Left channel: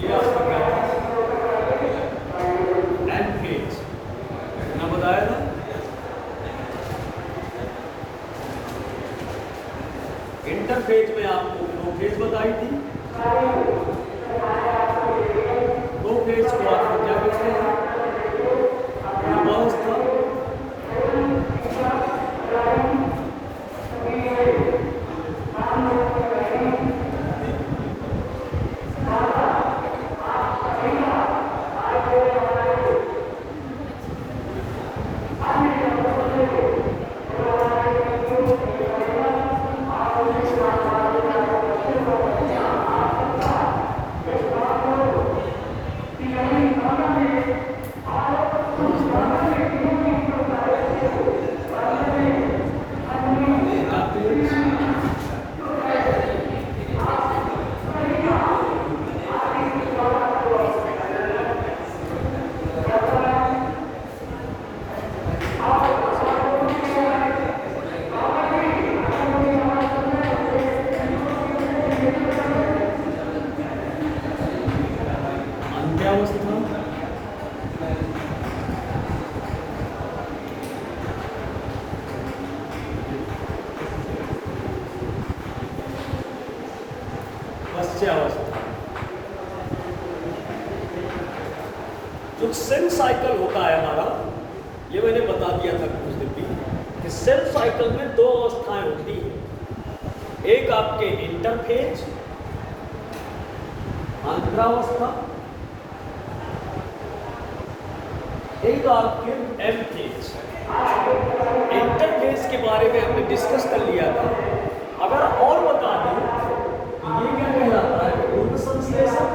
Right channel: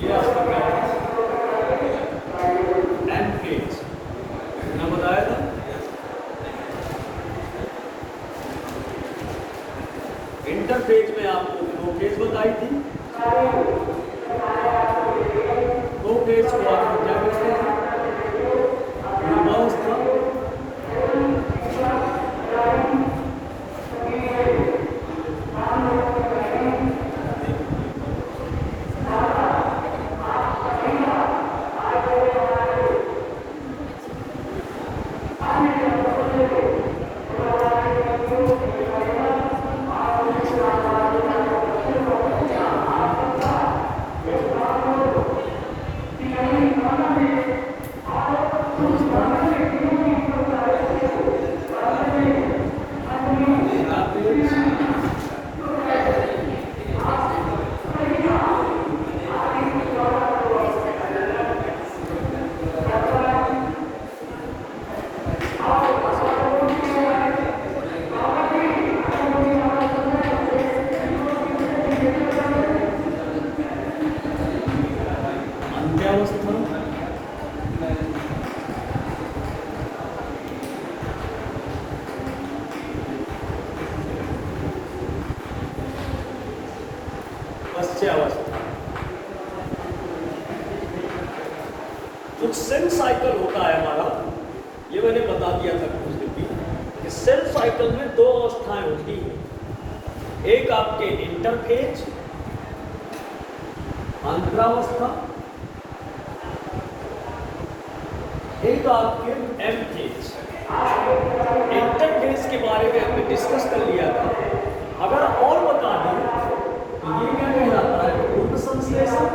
ये आपका क्या था? एंड फेज मैंने बताया था। इंटरफेज में आपको दो फेज बताई थी। दो फेज को आपको क्या कहते हैं? युवावस्था जो सेल साइकिल होता है हमारा, ये मैंने बता दिया था कुछ दिन भी कि सेल साइकिल में दो अवस्थाएं होती हैं। एक आपके इंटरफेज अंतरावस्था, एक आपके एम फेज। इंटरफेज के बारे में हमने डिस्कस कर लिया था। अगर और बता दें तो ये क्या कहलाता है? पूर्व संश्लेषण,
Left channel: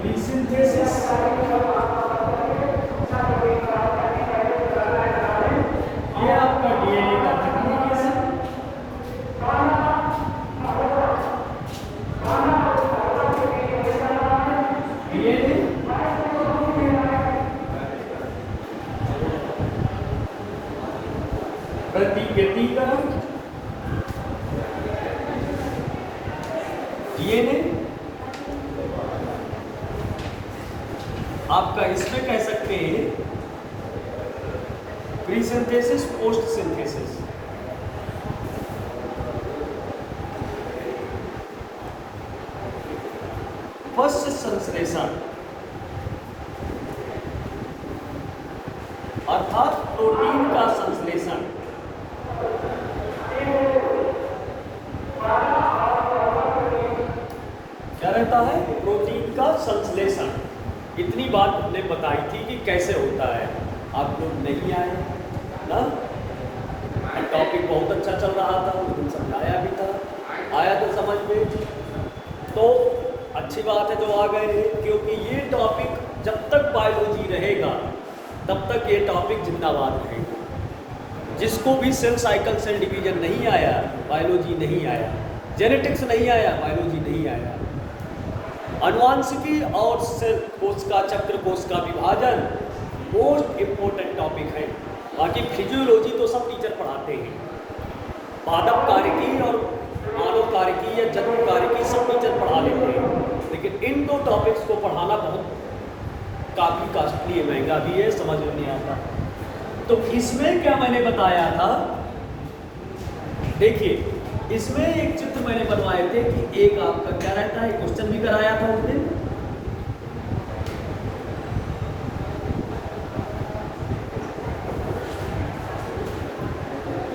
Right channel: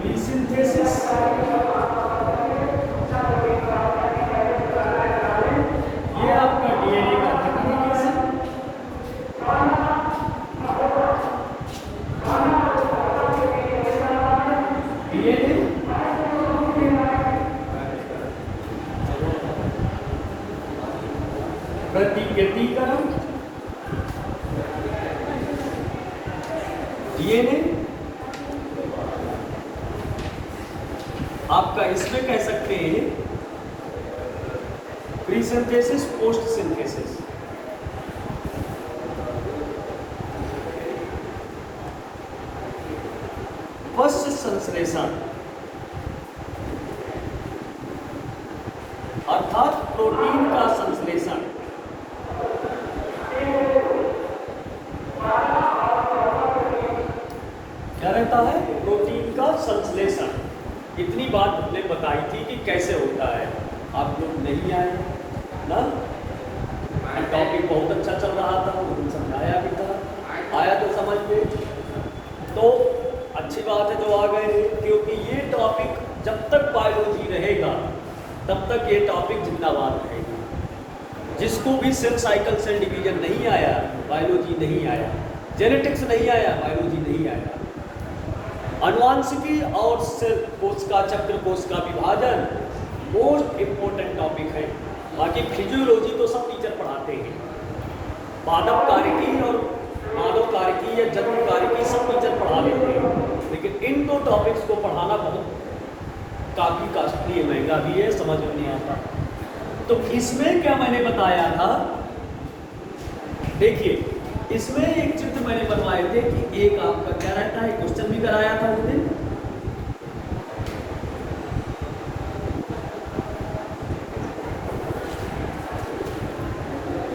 प्रीसिंथेसिस, ये आपका डीएनए का रेप्लिकेशन, डीएनए प्रतिकृतिकरण, डीएनए आपका इसमें कह सकते हैं pre synthesis, post synthesis. First संश्लेषण अर्थात प्रोटीन का संश्लेषण। क्या रहता है? प्रोटीन का संश्लेषण। इतनी बात हमने बताई थी कि कैसे होता है। आप लोग नहीं आए ना, टॉपिक बहुत अच्छा चल रहा था, तो समझाया भी था, आया तो समझ में, तो अच्छी बात है तो आ गए। क्योंकि ये टॉपिक जब तक बायोलॉजी रहेगा तब तक ये टॉपिक जिंदाबाद रहेगा। जिसको भी सेल साइकिल सेल डिवीजन नहीं आया, बायोलॉजी नहीं आया, जेनेटिक्स नहीं आया, बायोलॉजी नहीं आया। अनुवांशिकी और सेल कोश का, चक्र कोश का विभाजन मोस्ट इम्पोर्टेंट टॉपिक है। बाकी फिजियोलॉजी तो सब टीचर पढ़ाते हैं, पादप कार्यकी और मानव कार्यकी या जन्म कार्यकी सब टीचर पढ़ा लेते हैं। लेकिन इन दो टॉपिक्स को पढ़ाना बहुत काफ़ी कॉस्टली है, महंगा भी है, समझ में नहीं आता। तो इसमें क्या मैंने बताया था, देखिए इसमें एक चित्र मैंने करवाए थे कि एक आपका क्या रहता है, क्वेश्चन भी कराया था उस दिन।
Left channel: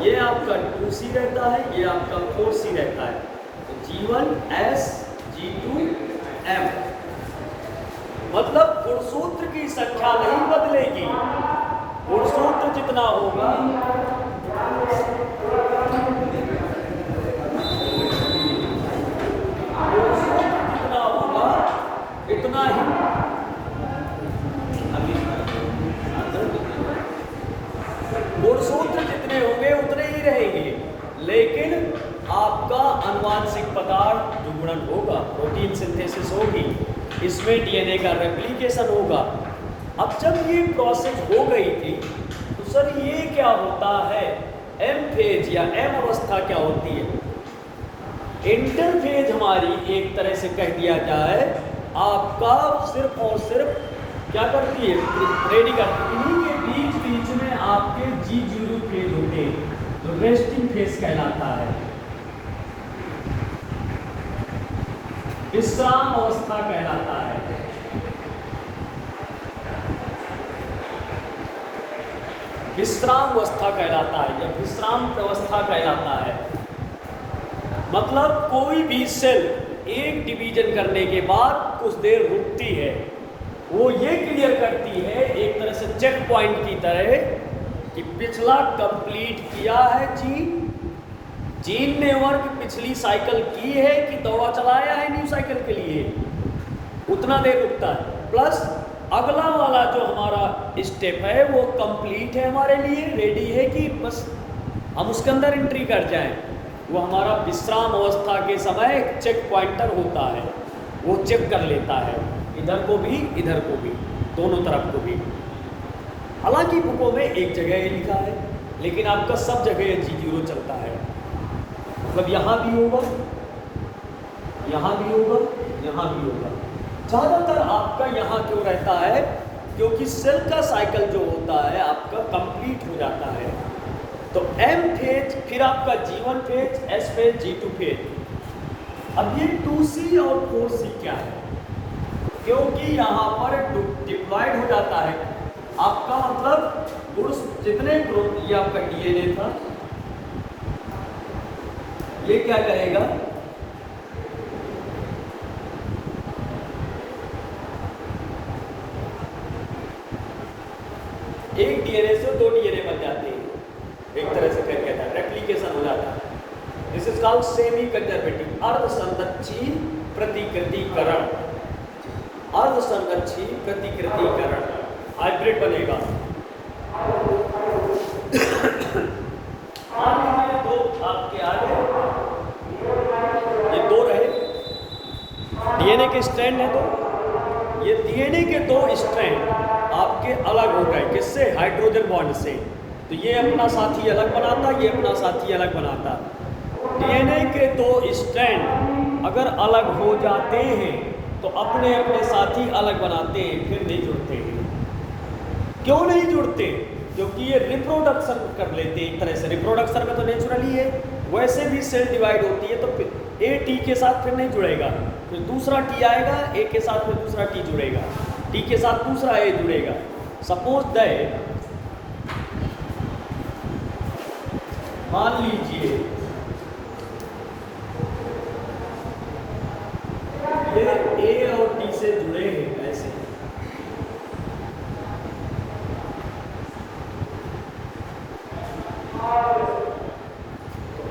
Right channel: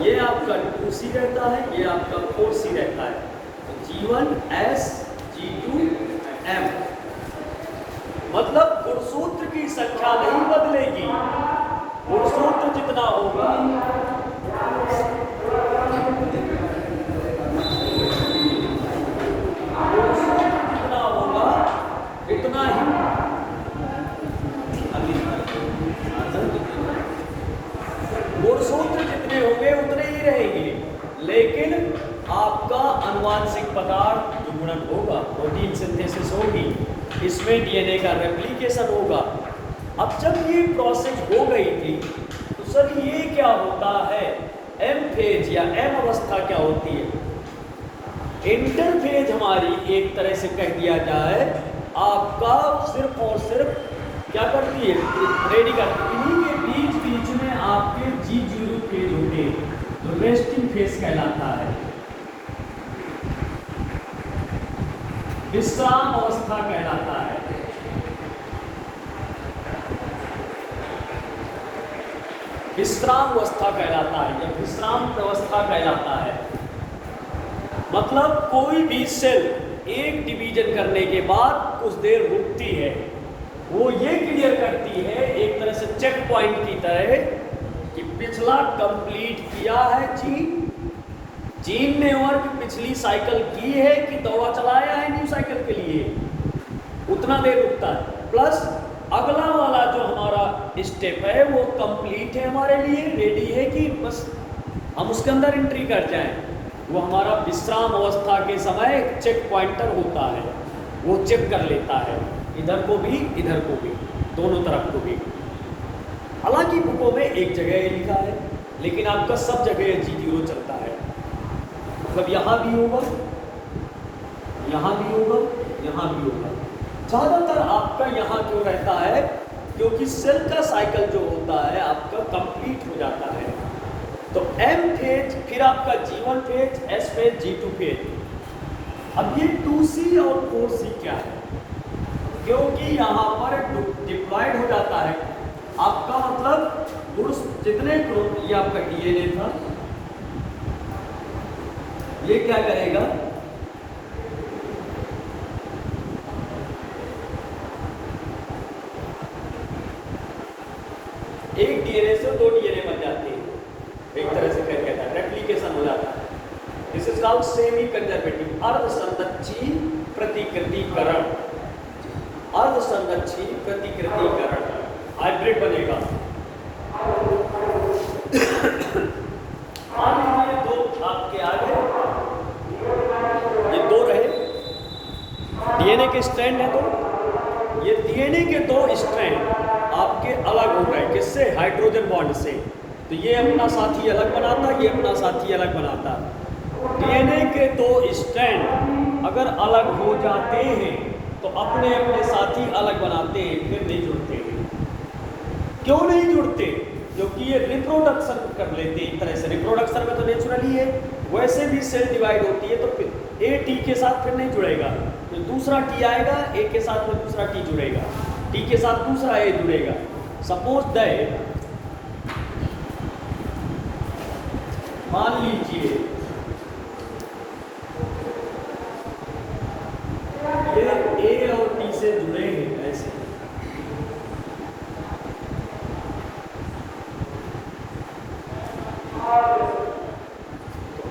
ये आपका 2C रहता है, ये आपका 4C रहता है। G1S G2M, मतलब गुणसूत्र की संख्या नहीं बदलेगी, गुणसूत्र जितना होगा इतना ही गुणसूत्र जितने होंगे उतने ही रहेंगे। लेकिन आपका अनुवांशिक पदार्थ दुगुणन होगा, प्रोटीन सिंथेसिस होगी, इसमें डीएनए का रेप्लिकेशन होगा, अब जब ये प्रोसेस हो गई थी तो सर ये क्या होता है, एम फेज या एम अवस्था क्या होती है? इंटरफेज हमारी एक तरह से कह दिया जाए आपका सिर्फ और सिर्फ क्या करती है, रेडी करती है। ये बीच बीच में आपके G0 फेज होते हैं तो रेस्टिंग फेज कहलाता है, विश्राम अवस्था कहलाता है। विश्राम अवस्था कहलाता है या विश्राम अवस्था कहलाता है। मतलब कोई भी सेल एक डिवीजन करने के बाद कुछ देर रुकती है, वो ये क्लियर करती है एक तरह से चेक पॉइंट की तरह कि पिछला कंप्लीट किया है जीन ने वर्क पिछली साइकिल की है कि दवा चलाया है न्यू साइकिल के लिए, उतना देर रुकता है। प्लस अगला वाला जो हमारा स्टेप है वो कंप्लीट है हमारे लिए, रेडी है कि बस हम उसके अंदर एंट्री कर जाएं। वो हमारा विश्राम अवस्था के समय चेक पॉइंटर होता है, वो चेक कर लेता है इधर को भी इधर को भी, दोनों तरफ को भी। हालांकि बुकों में एक जगह ये लिखा है लेकिन आपका सब जगह G0 चलता है। मतलब यहाँ भी होगा, यहाँ भी होगा, यहाँ भी होगा। ज़्यादातर आपका यहाँ क्यों रहता है, क्योंकि सेल का साइकिल जो होता है आपका कंप्लीट हो जाता है। तो M फेज, फिर आपका G1 phase, S phase, G2 phase. अब ये 2C और 4C क्या है? क्योंकि यहाँ पर डिप्लॉयड हो जाता है आपका, मतलब उस जितने ग्रुप ये आपका DNA था ये क्या करेगा, एक DNA से दो DNA बन जाते हैं, एक तरह से क्या कहता है रेप्लिकेशन हो जाता है। This is called semi conservative, अर्धसंरक्षी प्रतिकृतिकरण। अर्धसंरक्षी प्रतिकृतिकरण हाइब्रिड बनेगा। दो आपके आगे ये दो रहे, DNA के स्ट्रैंड है तो ये DNA के दो स्ट्रैंड आपके अलग हो गए, किससे? हाइड्रोजन बॉन्ड से। तो ये अपना साथी अलग बनाता, ये अपना साथी अलग बनाता। DNA के दो स्ट्रैंड अगर अलग हो जाते हैं तो अपने अपने साथी अलग बनाते हैं, फिर नहीं जुड़ते हैं। क्यों नहीं जुड़ते? क्योंकि ये रिप्रोडक्शन कर लेते हैं एक तरह से। रिप्रोडक्शन में तो नेचुरली है, वैसे भी सेल डिवाइड होती है तो फिर A T के साथ फिर नहीं जुड़ेगा, तो दूसरा T आएगा, A के साथ में दूसरा T जुड़ेगा, T के साथ दूसरा A जुड़ेगा। सपोज दैट, मान लीजिए ये A और T से जुड़े हैं ऐसे,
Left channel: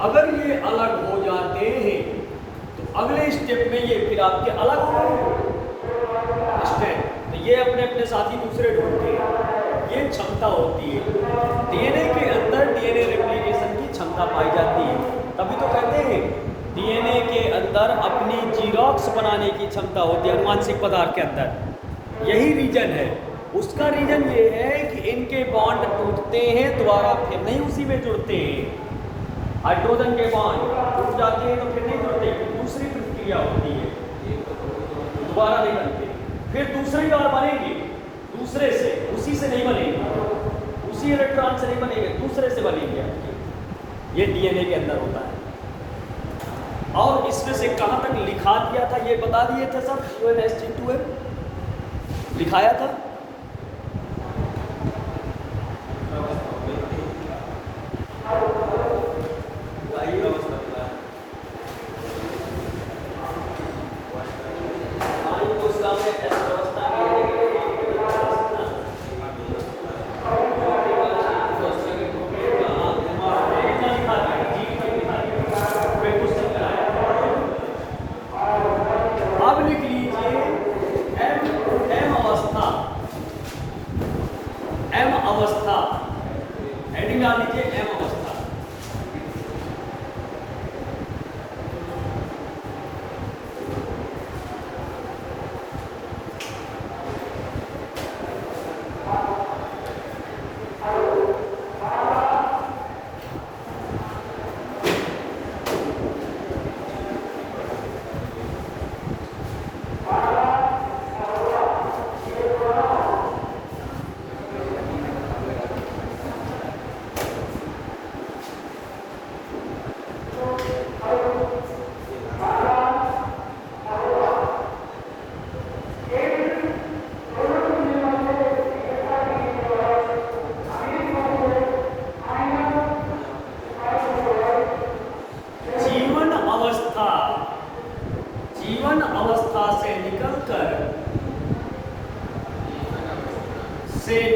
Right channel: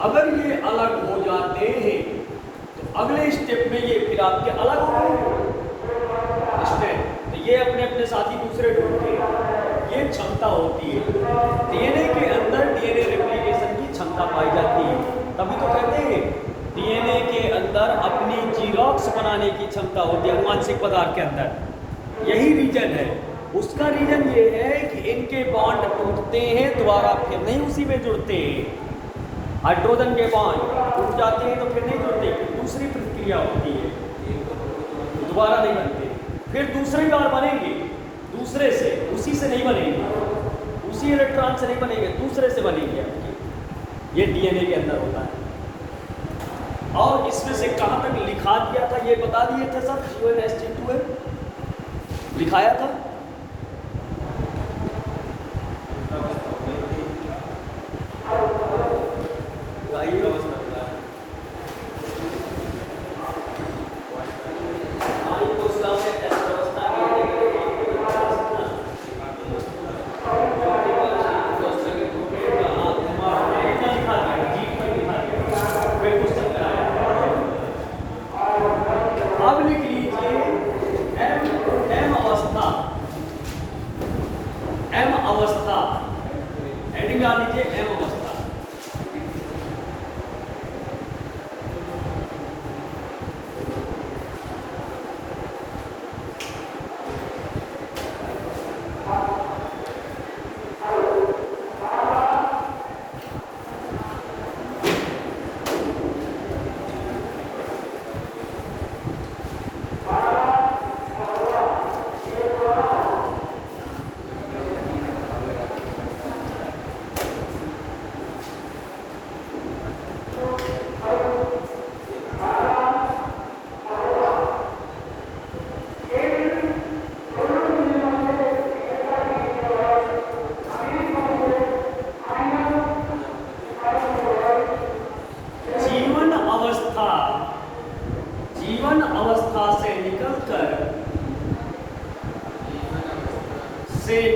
अगर ये अलग हो जाते हैं तो अगले स्टेप में ये फिर आपके अलग हो गए स्टेप, तो ये अपने अपने साथी दूसरे ढूंढते हैं। ये क्षमता होती है DNA के अंदर, DNA रेप्लिकेशन की क्षमता पाई जाती है। तभी तो कहते हैं DNA के अंदर अपनी जीरोक्स बनाने की क्षमता होती है मानसिक पदार्थ के अंदर। यही रीजन है। उसका रीजन ये है कि इनके बॉन्ड टूटते हैं, दोबारा फिर नहीं उसी में जुड़ते हैं। हाइड्रोजन के बॉन्ड टूट जाते हैं तो फिर नहीं जुड़ते, फिर दूसरी प्रक्रिया होती है, दोबारा नहीं बनते, फिर दूसरी बार बनेंगे दूसरे से, उसी से नहीं बनेंगे, उसी इलेक्ट्रॉन से नहीं बनेंगे, दूसरे से बनेंगे। ये DNA के अंदर होता है। और इसमें से कहाँ तक लिखा दिया था ये बता दिए थे सब, CONSG2 लिखाया था। अब लिख लीजिए M अवस्था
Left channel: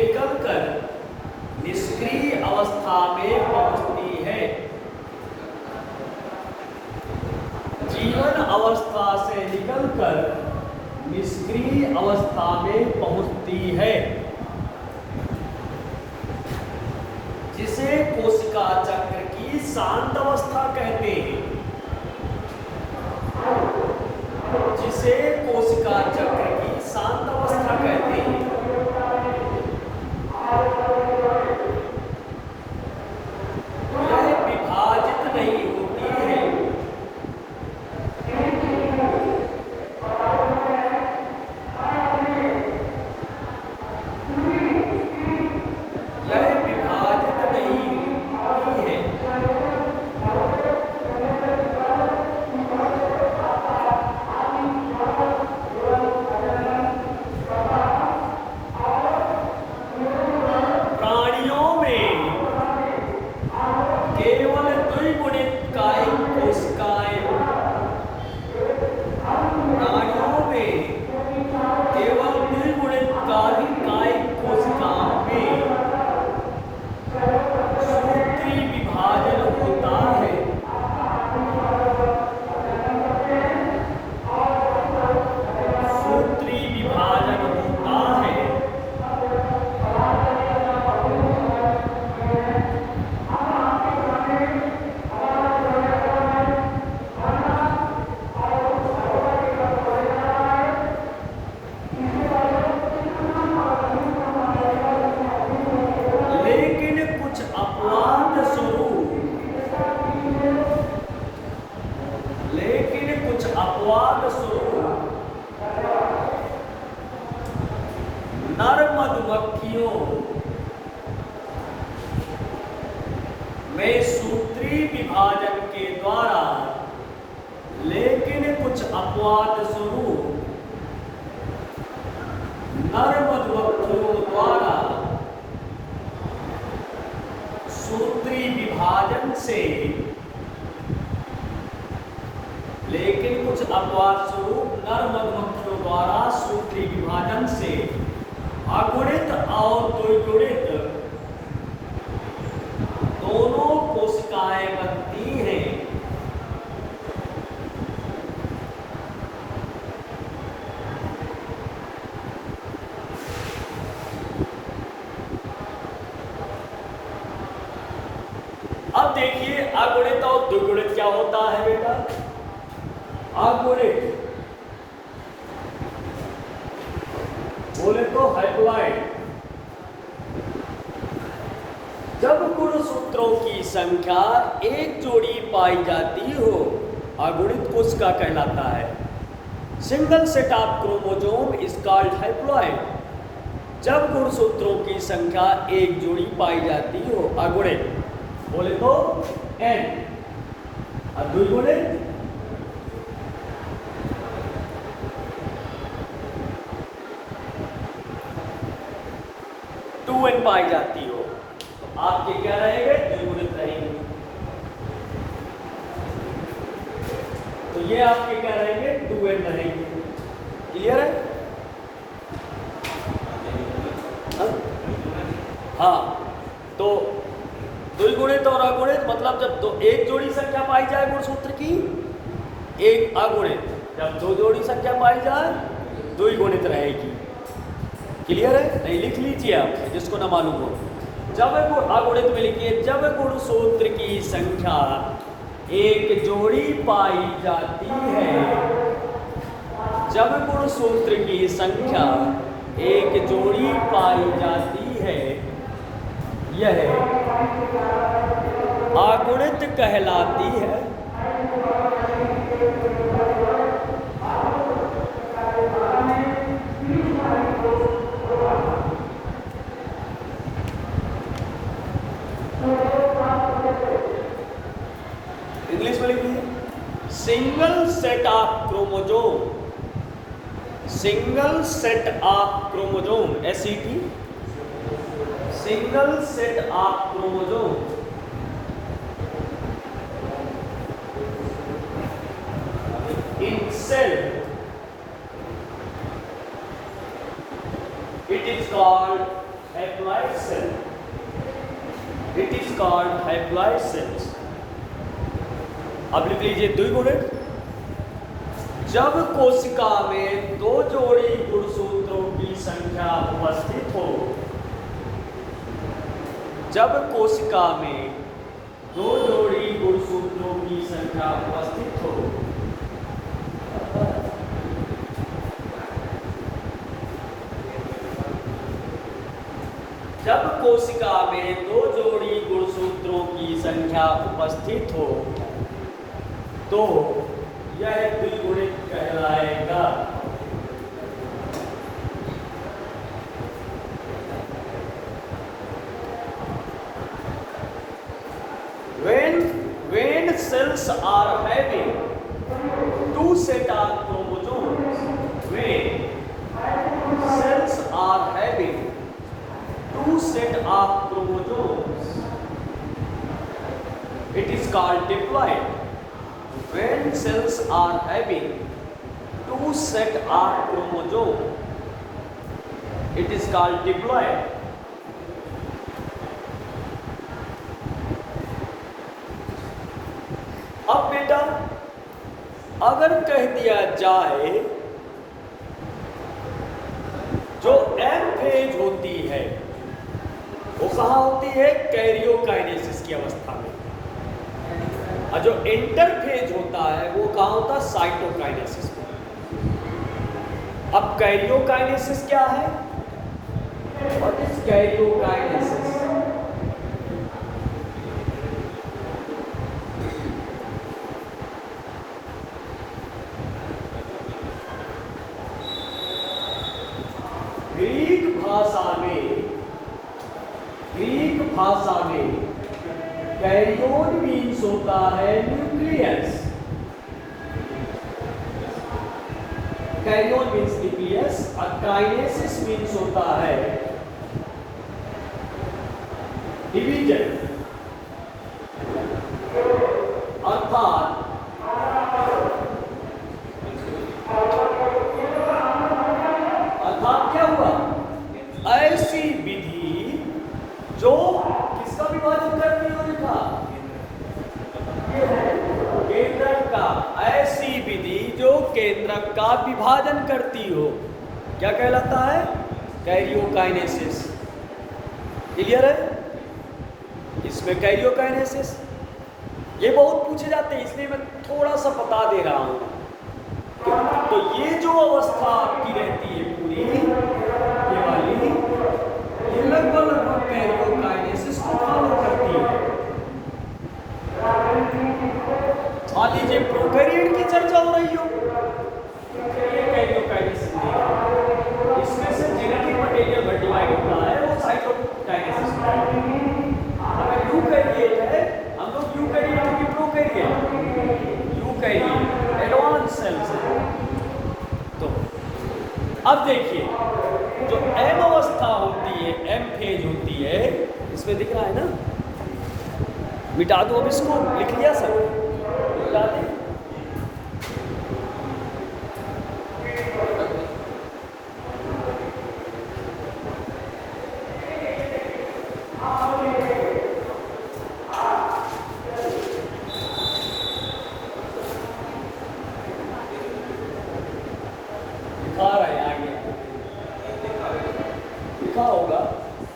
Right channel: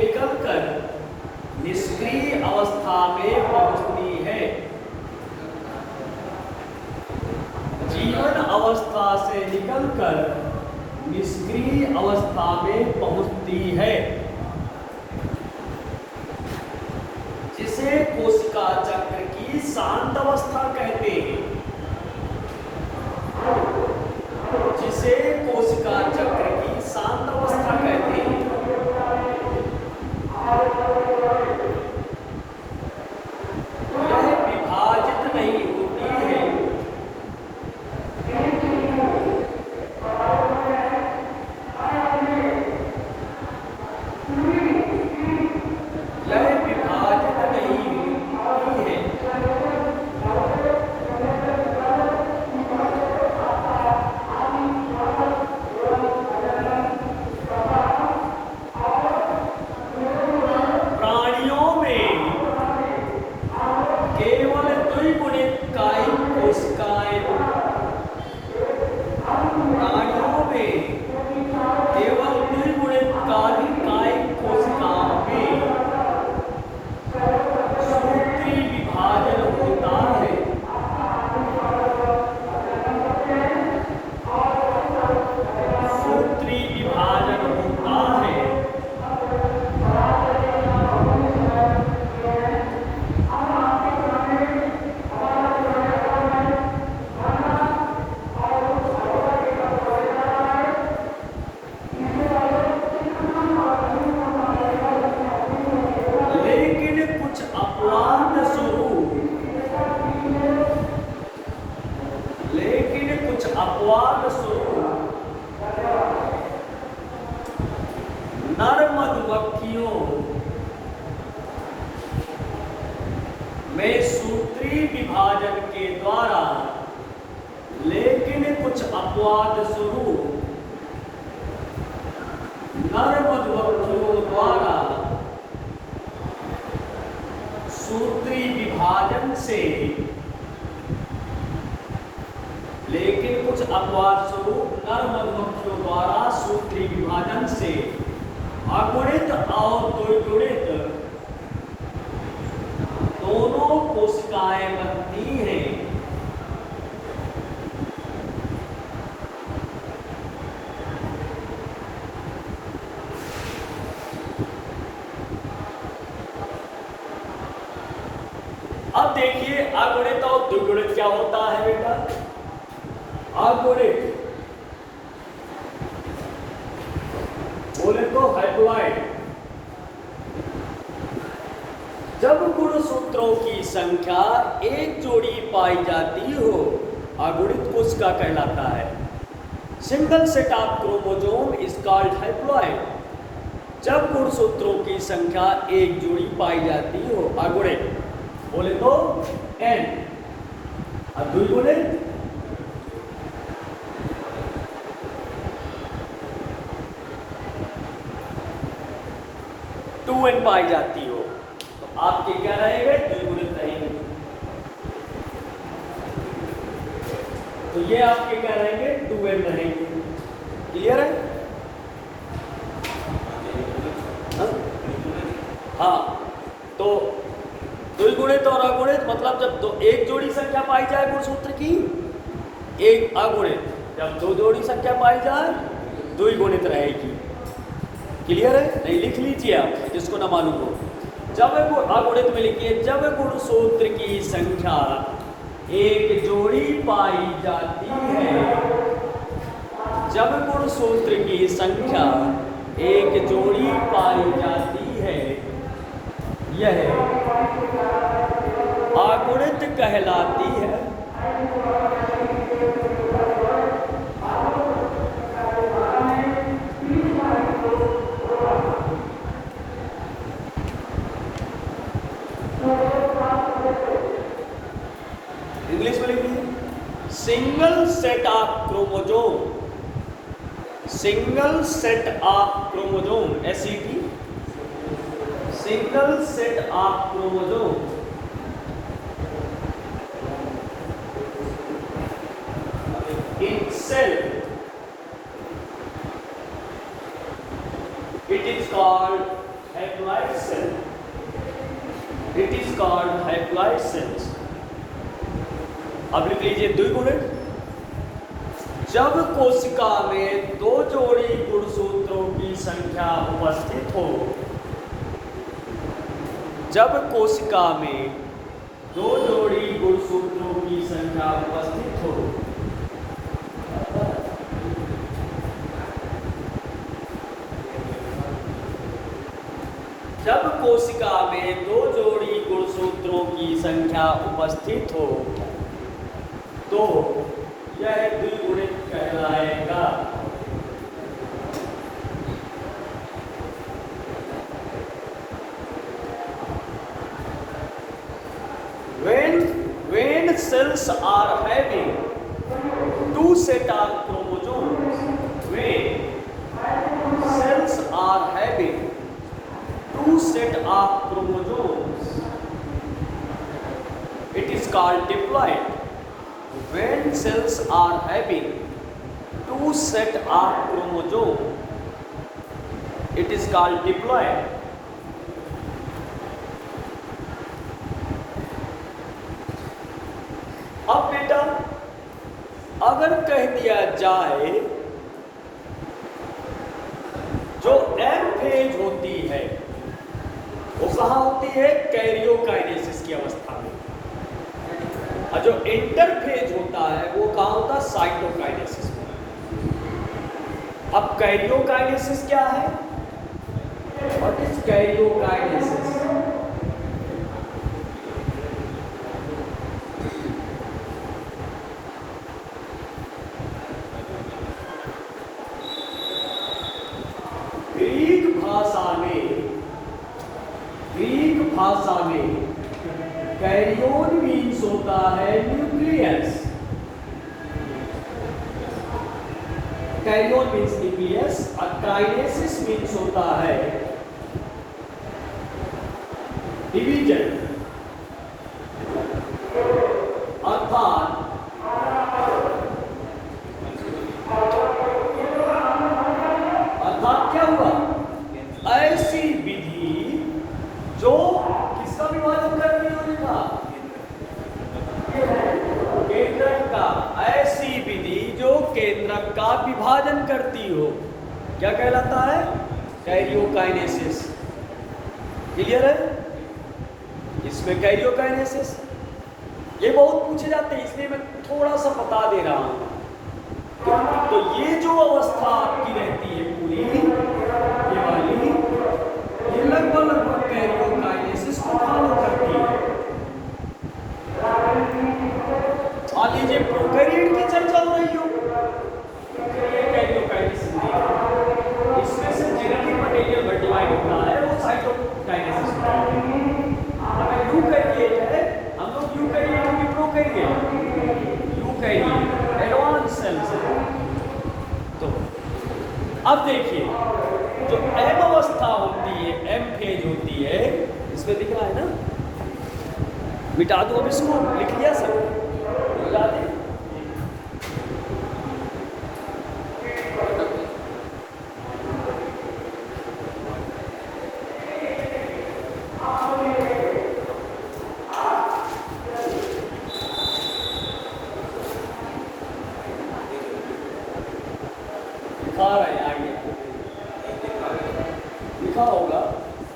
निकलकर निष्क्रिय अवस्था में पहुंचती है। जीवन अवस्था से निकलकर निष्क्रिय अवस्था में पहुंचती है, जिसे कोशिका चक्र की शांत अवस्था कहते हैं। जिसे कोशिका चक्र की शांत अवस्था कहते हैं। यह विभाजित नहीं होती है। यह विभाजित नहीं होती है। प्राणियों में केवल द्विगुणित कायिक कोशिकाएं, प्राणियों में केवल द्विगुणित कायिक कोशिकाओं में सूत्री विभाजन होता है। सूत्री विभाजन होता है। लेकिन कुछ अपवाद स्वरूप नर मधुमक्खियों में सूत्री विभाजन के द्वारा, लेकिन कुछ अपवाद स्वरूप नर मधुमक्खियों द्वारा सूत्री विभाजन से, लेकिन कुछ अपवाद स्वरूप नर मधुमक्खियों द्वारा सूत्री विभाजन से अगुणित और द्विगुणित दोनों कोशिकाएं बनती हैं। अब देखिए अगुणित और द्विगुणित क्या होता है बेटा। अगुणित बोले तो हैप्लॉइड। जब गुणसूत्रों की संख्या एक जोड़ी पाई जाती हो, अगुणित कोशिका कहलाता है। Single set of chromosome is called haploid. जब गुणसूत्रों की संख्या एक जोड़ी पाई जाती हो, अगुणित बोले तो n, और द्विगुणित 2n पाई जाती हो, आपके क्या रहेंगे, द्विगुणित रहेंगे। तो ये आपके क्या रहेंगे, 2n रहेंगे। क्लियर है? हाँ, तो द्विगुणित और अगुणित मतलब जब एक जोड़ी संख्या पाई जाए गुणसूत्र की, एक अगुणित, जब दो जोड़ी संख्या पाई जाए द्विगुणित रहेगी। क्लियर है? नहीं लिख लीजिए आप, जिसको ना मालूम हो। जब अगुणित में लिखिए, जब गुणसूत्र की संख्या एक जोड़ी पाई जाती है, जब गुणसूत्र की संख्या एक जोड़ी पाई जाती है, यह अगुणित कहलाती है। इंग्लिश में लिखिए, single set of chromosome, single set of chromosome, SET, single set of chromosome itself, it is called haploid cell. It is called haploid cells. अब लिख लीजिए 2 बुलेट। जब कोशिका में 2 जोड़ी गुणसूत्रों की संख्या उपस्थित हो, जब कोशिका में 2 जोड़ी गुणसूत्रों की संख्या उपस्थित हो, जब कोशिका में 2 जोड़ी गुणसूत्रों की संख्या उपस्थित हो तो यह द्विगुणित कहलाएगा। When cells are having 2 set of chromosomes, when cells are having 2 set of chromosomes, it is called diploid. When cells are having 2 set of chromosomes, it is called diploid. अब बेटा अगर कह दिया जाए जो एम फेज होती है वो कहाँ होती है? कैरियोकाइनेसिस की अवस्था में, और जो इंटरफेज होता है वो कहाँ होता है? साइटोकाइनेसिस में। अब कैरियोकाइनेसिस क्या है? What is karyokinesis? ग्रीक भाषा में कैरियोन मीन्स होता है न्यूक्लियस। कैरियोन मीन्स न्यूक्लियस और काइनेसिस मीन्स होता है डिवीजन। अर्थात क्या हुआ? ऐसी विधि जो किसका विभाजन करती हो? लिखा केंद्रक का। ऐसी विधि जो केंद्रक का विभाजन करती हो क्या कहलाता है? कैरियोकाइनेसिस। क्लियर है? इसमें कैरियोकाइनेसिस ये बहुत पूछे जाते हैं, इसलिए मैं थोड़ा सा बता दे रहा हूं। तो ये जो अवस्था आपकी रहती है पूरी ये वाली, ये लगभग कैरियोकाइनेसिस को फॉलो करती है। मान लीजिए प्रोकैरियोट की चर्चा हो रही हो, कैरियोकाइनेसिस इसमें से जेनेटिक मटेरियल डिवाइड हुआ है वो साइटोकाइनेसिस में। अगर यूकैरियोट है हम लोग यूकैरियोट की प्रोकैरियोट यूकैरियोट एडवांस सेल्स है। तो अब देखिए जो एम अवस्था होती है, एम फेज होती है, इसमें दिख रहा है ना? मिटा दो अब इसको, लिख लिया सर? मिटा दे। होगा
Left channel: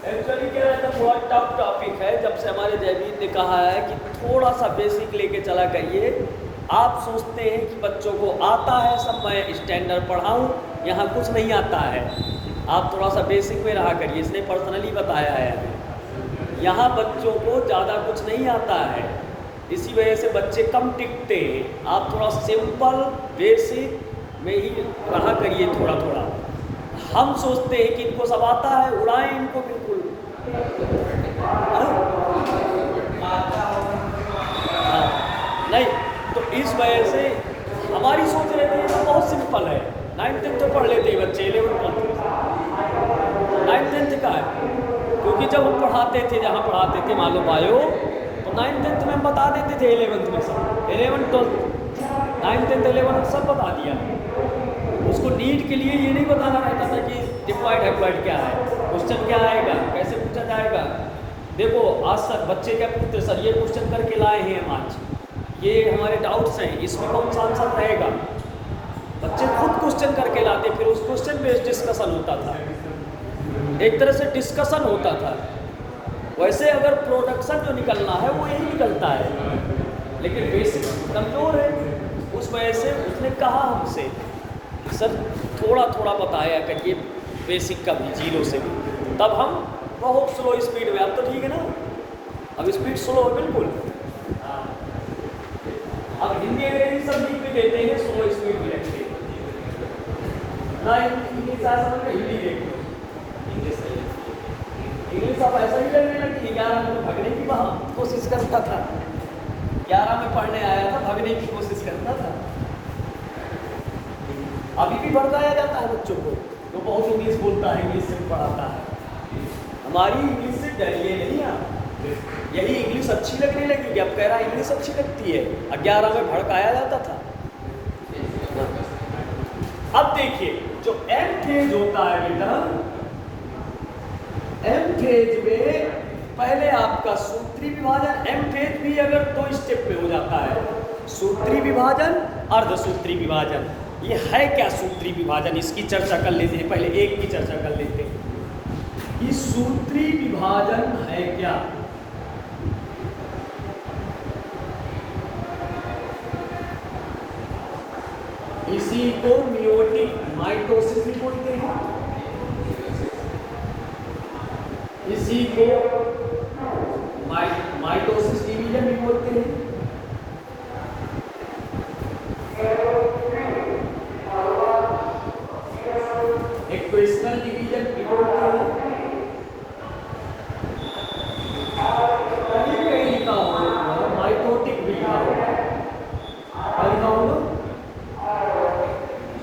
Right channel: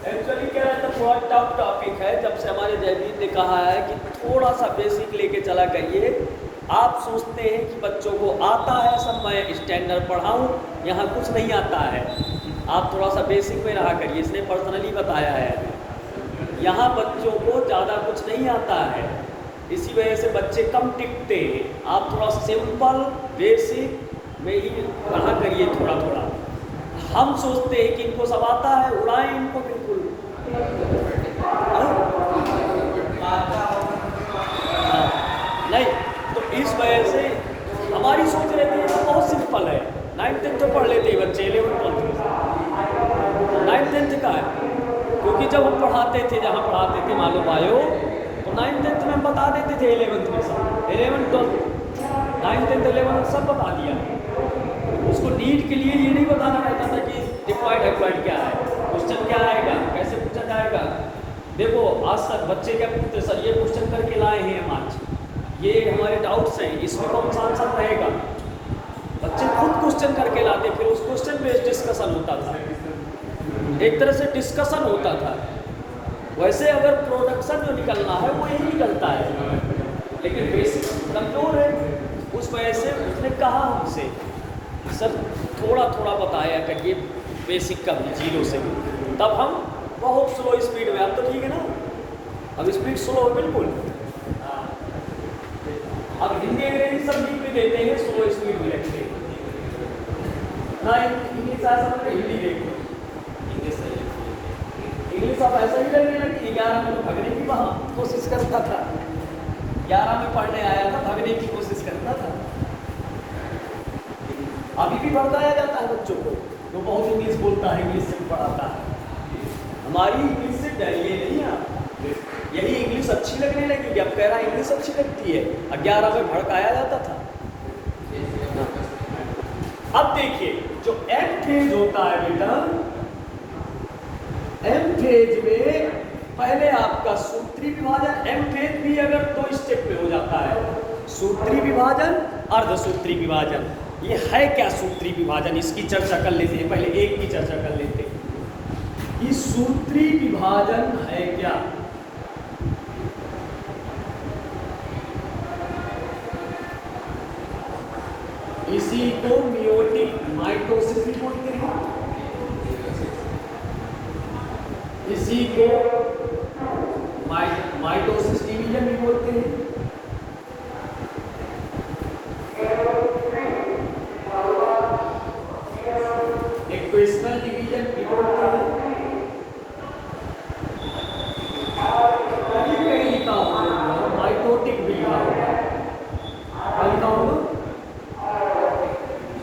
एक्चुअली क्या रहता है, बहुत टफ टॉपिक है। जब से हमारे जयवीर ने कहा है कि थोड़ा सा बेसिक लेके चला करिए, आप सोचते हैं कि बच्चों को आता है सब, मैं स्टैंडर्ड पढ़ाऊं, यहाँ कुछ नहीं आता है। आप थोड़ा सा बेसिक में रहा करिए, इसलिए पर्सनली बताया है। यहाँ बच्चों को ज़्यादा कुछ नहीं आता है, इसी वजह से बच्चे कम टिकते हैं। आप थोड़ा सिंपल बेसिक में ही रहा करिए थोड़ा थोड़ा। हम सोचते हैं कि इनको सब आता है, उड़ाएं इनको बिल्कुल। हाँ नहीं, तो इस वजह से हमारी सोच रहती है ना, बहुत सिंपल है। 9th-10th तो पढ़ लेते हैं बच्चे, 11th-12th 9th-10th का है, क्योंकि जब हम पढ़ाते थे, जहाँ पढ़ाते थे मालूम आयो, तो 9th-10th में हम बता देते थे 11th में सब, 11th-12th 9th-10th 11th सब बता दिया। उसको नीट के लिए ये नहीं बताना रहता था कि डिप्लॉयड हैप्लॉयड क्या है, क्वेश्चन क्या आएगा, कैसे सर बच्चे क्या पूछते सर ये क्वेश्चन करके लाए हैं हम आज, ये हमारे डाउट्स हैं, इसमें कौन सा आंसर रहेगा। बच्चे खुद क्वेश्चन करके लाते, फिर उस क्वेश्चन बेस्ड डिस्कशन होता था, एक तरह से डिस्कशन होता था। वैसे अगर प्रोडक्शन जो निकलना है वो यही निकलता है, लेकिन बेसिक कंट्रोल है। उस वजह से उसने कहा हमसे सर थोड़ा थोड़ा बताया करिए बेसिक का भी, जीरो से भी। तब हम बहुत स्लो स्पीड में, अब तो ठीक है ना, अब स्पीड स्लो बिल्कुल। अब हिंदी अंग्रेजी सब लिख भी देते हैं, स्लो स्पीड भी रखते हैं ना। इंग्लिश हिंदी देखो, इंग्लिश आप ऐसा ही लगने लगी। 11 में भगने की कोशिश करता था, 11 में पढ़ने आया था, भगने की कोशिश करता था। अभी भी भड़काया जाता है बच्चों को, तो बहुत इंग्लिश बोलता है, इंग्लिश से पढ़ाता है। हमारी इंग्लिश से डरिए नहीं आप, यही इंग्लिश अच्छी लगने लगेगी। अब कह रहा इंग्लिश अच्छी लगती है, अब 11 में भड़काया जाता था। अब देखिए जो एम फेज होता है बेटा, एम फेज में पहले आपका सूत्री विभाजन, एम फेज भी अगर 2 स्टेप पे हो जाता है, सूत्री विभाजन, अर्धसूत्री विभाजन। ये है क्या सूत्री विभाजन, इसकी चर्चा कर लेते हैं। पहले एक की चर्चा कर लेते हैं कि सूत्री विभाजन है क्या। इसी को मियोटिक माइटोसिस भी बोलते हैं, इसी को माइटोसिस डिवीजन भी बोलते हैं। इक्वेशनल डिवीजन भी बोलते हैं। कहीं लिखा होगा माइटोटिक भी लिखा होगा, क्या लिखा होगा,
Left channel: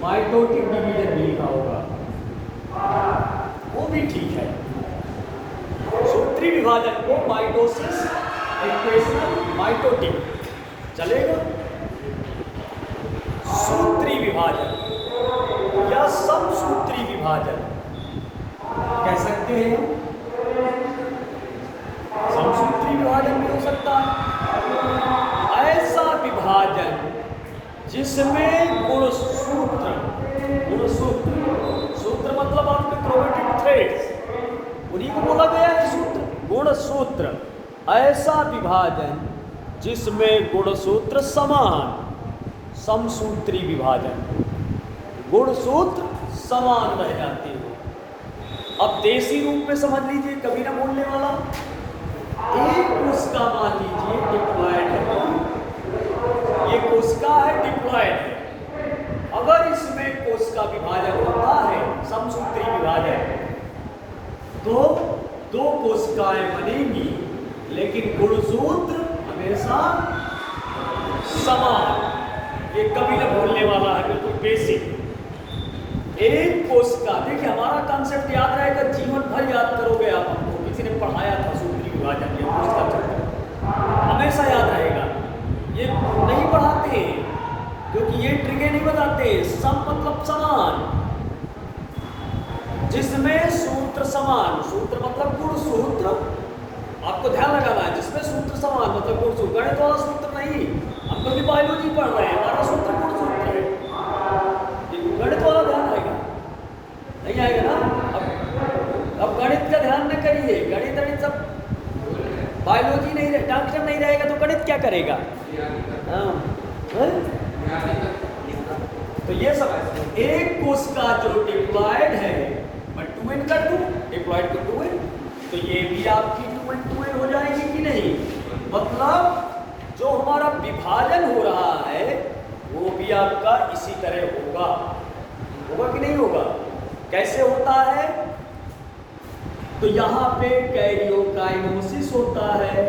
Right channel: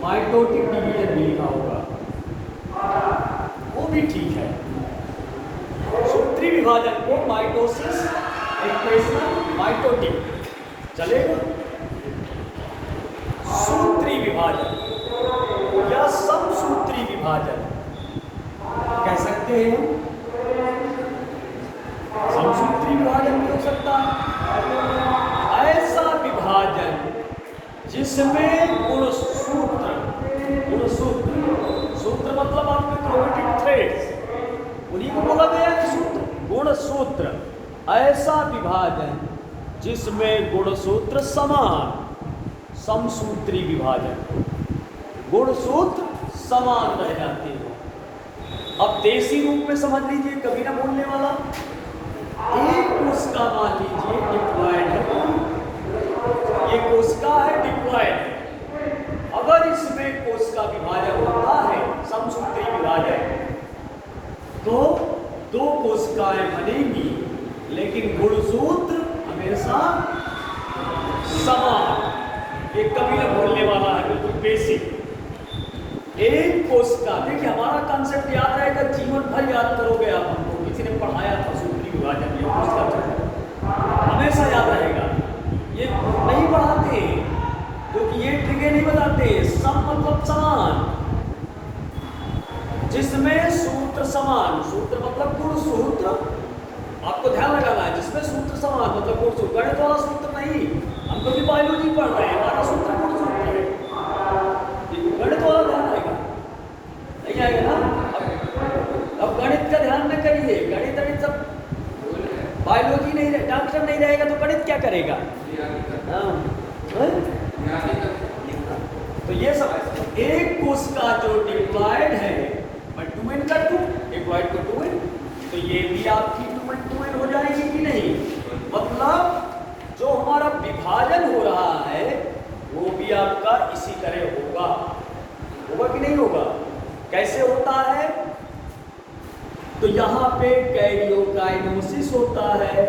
माइटोटिक डिवीजन भी लिखा होगा, वो भी ठीक है। सूत्री विभाजन को माइटोसिस, इक्वेशनल, माइटोटिक चलेगा। सूत्री विभाजन या समसूत्री विभाजन कह सकते हैं, समसूत्री विभाजन भी हो सकता है। ऐसा विभाजन जिसमें गुणसूत्र, गुणसूत्र सूत्र मतलब आपके क्रोमेटिक थ्रेड्स, उन्हीं को बोला गया है सूत्र, गुणसूत्र। ऐसा विभाजन जिसमें गुणसूत्र समान, समसूत्री विभाजन, गुणसूत्र समान रह जाते हैं। अब देसी रूप में समझ लीजिए, कभी ना बोलने वाला, एक कोशिका मान लीजिए डिप्लॉयड है, ये कोशिका है डिप्लॉयड है। अगर इसमें कोशिका विभाजन होता है, समसूत्री विभाजन, तो 2 कोशिकाएं बनेंगी, लेकिन गुणसूत्र हमेशा समान। ये कभी ना भूलने वाला है, बिल्कुल बेसिक। एक कोशिका, देखिए हमारा कंसेप्ट याद रहेगा, जीवन भर याद करोगे आप, हमको किसी ने पढ़ाया था सूत्री विभाजन, हमेशा याद रहेगा। ये नहीं पढ़ाते क्योंकि ये ट्रिके नहीं बताते। सम मतलब समान, जिसमें सूत्र समान, सूत्र मतलब गुण सूत्र, आपको ध्यान लगाना है, जिसमें सूत्र समान मतलब गुण सूत्र, गणित वाला सूत्र नहीं। हम तो बायोलॉजी पढ़ रहे हैं, हमारा सूत्र गुण सूत्र है, गणित वाला ध्यान रहेगा, नहीं आएगा ना। अब गणित का ध्यान न करिए, गणित सब बायोलॉजी नहीं, डॉक्टर नहीं रहेगा तो गणित क्या करेगा। तो ये सब एक कोशिका जो डिप्लॉयड है, 2n का 2, डिप्लॉयड को 2n, तो ये भी आपकी 2n हो जाएगी कि नहीं। मतलब जो हमारा विभाजन हो रहा है वो भी आपका इसी तरह होगा, होगा कि नहीं होगा। कैसे होता है, तो यहाँ पे कैरियोकाइनेसिस होता है।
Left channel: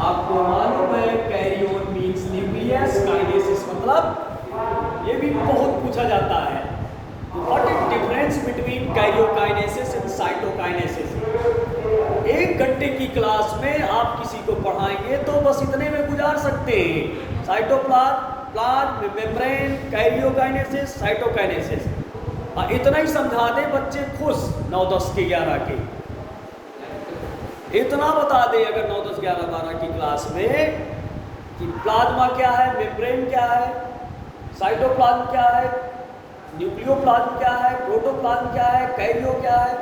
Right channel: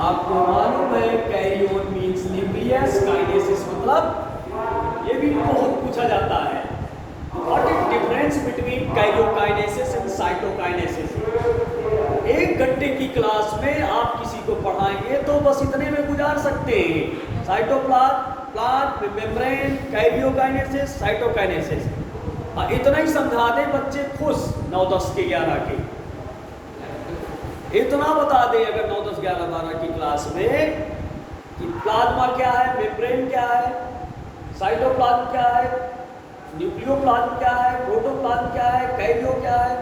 आपको मालूम है कैरियोन मीन्स न्यूक्लियस, काइनेसिस मतलब, ये भी बहुत पूछा जाता है, what is difference between karyokinesis and cytokinesis. 1 घंटे की क्लास में आप किसी को पढ़ाएंगे तो बस इतने में गुजार सकते हैं, साइटोप्लाज्म, मेम्ब्रेन, कैरियोकाइनेसिस, साइटोकाइनेसिस, इतना ही समझा दे बच्चे खुश, 9, 10 के 11 के। इतना बता दे अगर 9, 10, 11, 12 की क्लास में कि प्लाज्मा क्या है, मेम्ब्रेन क्या है, साइटोप्लाज्म क्या है, न्यूक्लियोप्लाज्म क्या है, प्रोटोप्लाज्म क्या है, कैरियो क्या है,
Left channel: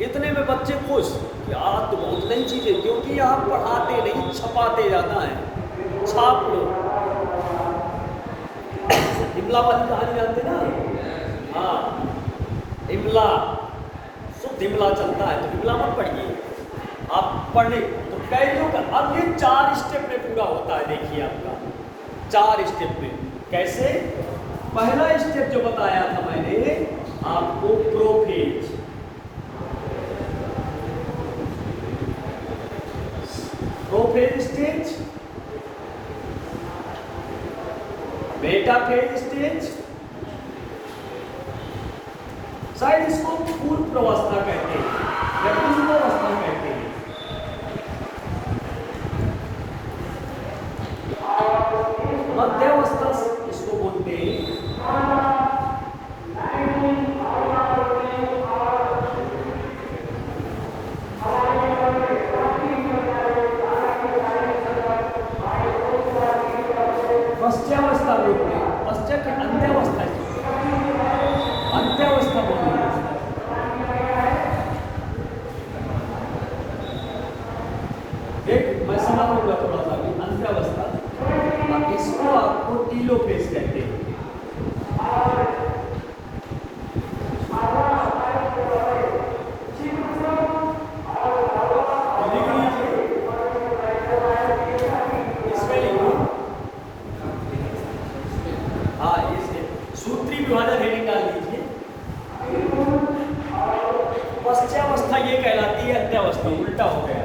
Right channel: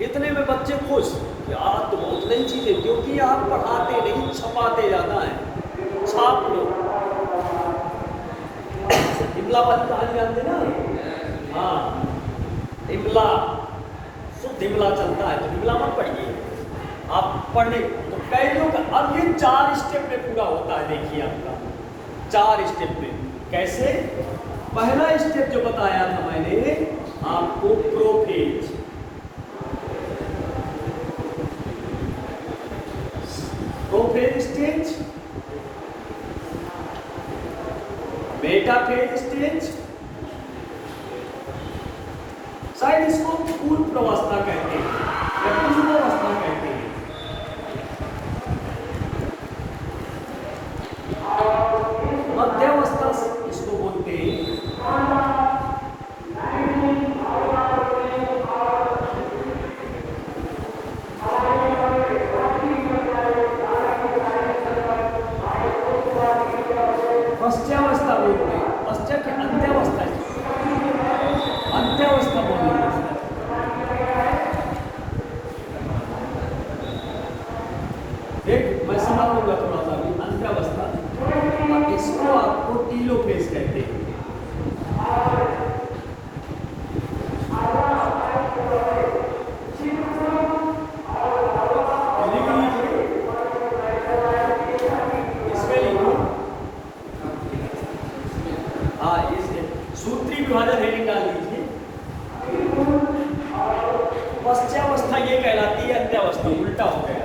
इतने में बच्चे खुश। यार तो बहुत नई चीजें, क्योंकि यहाँ पढ़ाते नहीं, छपाते जाता है। छाप लो। इमला वाली कहानी जानते ना? हाँ, इमला, शुद्ध इमला चलता है, तो इमला मत पढ़िए आप, पढ़ने तो कैरियो का। अब ये 4 स्टेप में पूरा होता है। देखिए आपका 4 स्टेप में कैसे। पहला स्टेप जो बताया था मैंने आपको, prophase. Prophase stage, metaphase stage, शायद इसको पूर्व अवस्था कहते हैं या पूर्वावस्था कहते हैं। मध्यावस्था से इसको बोलते हैं। पश्चावस्था बोलते हैं, पश्चात की अंत्यावस्था, अंत्यावस्था बोलते हैं। देख मैं समझाऊंगा थोड़ा सा भी। अंत्यावस्था, इसको आपको टीलोफेज कहते हैं। सूत्री विभाजन हेडिंग डाल दीजिए। पश्चावस्था ये कहलाती है, अंत्यावस्था उल्टा हो गया।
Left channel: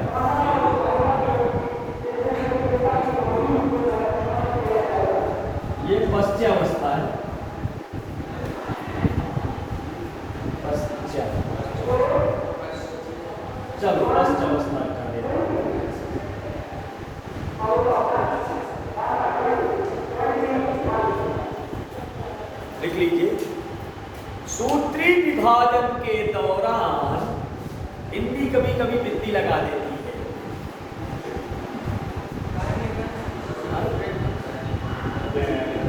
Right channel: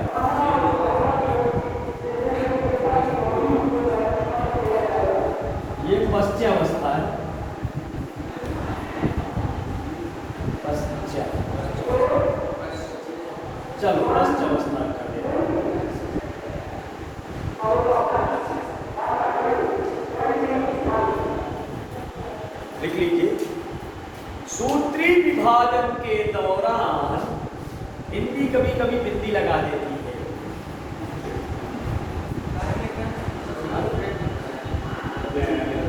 ये पश्चावस्था है, पश्चात। चलो पश्चावस्था कर देते हैं। लिख लीजिए। सूत्री विभाजन के दौरान हिंदी कभी कभी बिंदी लगा देती है।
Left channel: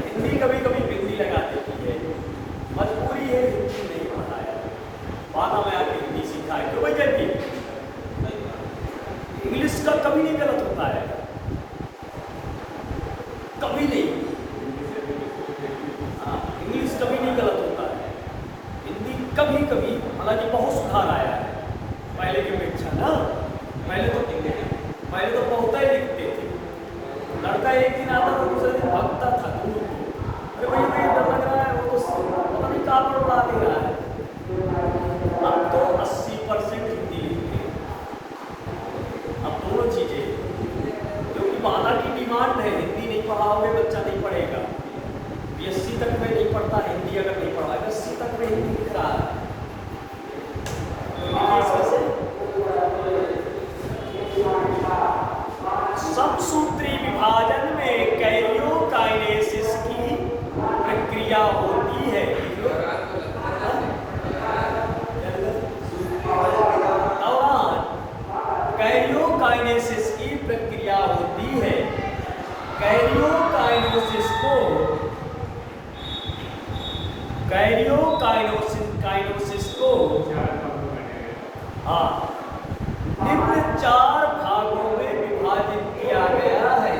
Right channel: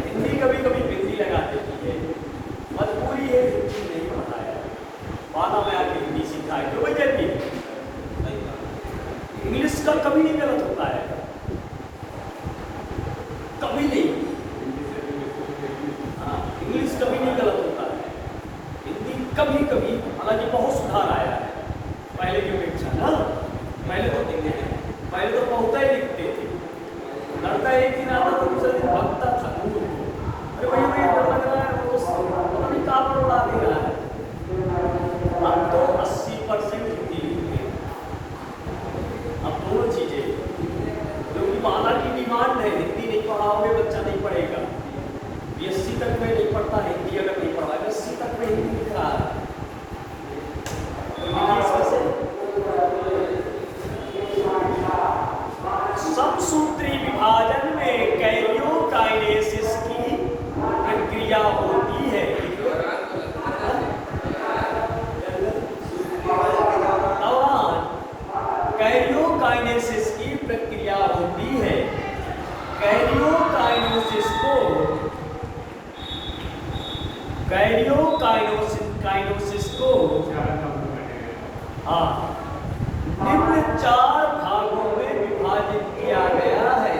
हिंदी कभी कभी बिंदी लगा देती है। मजबूरी है, हिंदी नहीं होता है। बाद में आपने हिंदी सीखा है, क्यों भाई? इंग्लिश का कभी नहीं गलत होता है, कभी नहीं। इंग्लिश कभी नहीं गलत होता है, हिंदी कभी कभी, हालांकि बहुत सुधार आया है पहले की अपेक्षा ना। पहले तो बहुत ही लिखते थे, लड़का एक दिन आता था, दूसरे दिन भागता था। फिर वही लग रहा है वो काम पर उड़ा दे रहा है। अब तो 80% हिंदी लिखते हैं। अब दो चीजें, क्योंकि माता की डिमांड है, हिंदी नहीं पढ़ाओगे बच्चा नहीं पढ़ेगा। 80 तक में नहीं पढ़ता हिंदी, अगर नहीं पढ़ा 80 तक में हिंदी लिख रहा है। सबसूत्री विभाजन में कैरियोकाइनेसिस की प्रक्रिया होती है। कैरियोकाइनेसिस की प्रक्रिया होती है। कैरियोकाइनेसिस को हाँ निम्न 4 भागों में विभाजित किया गया है।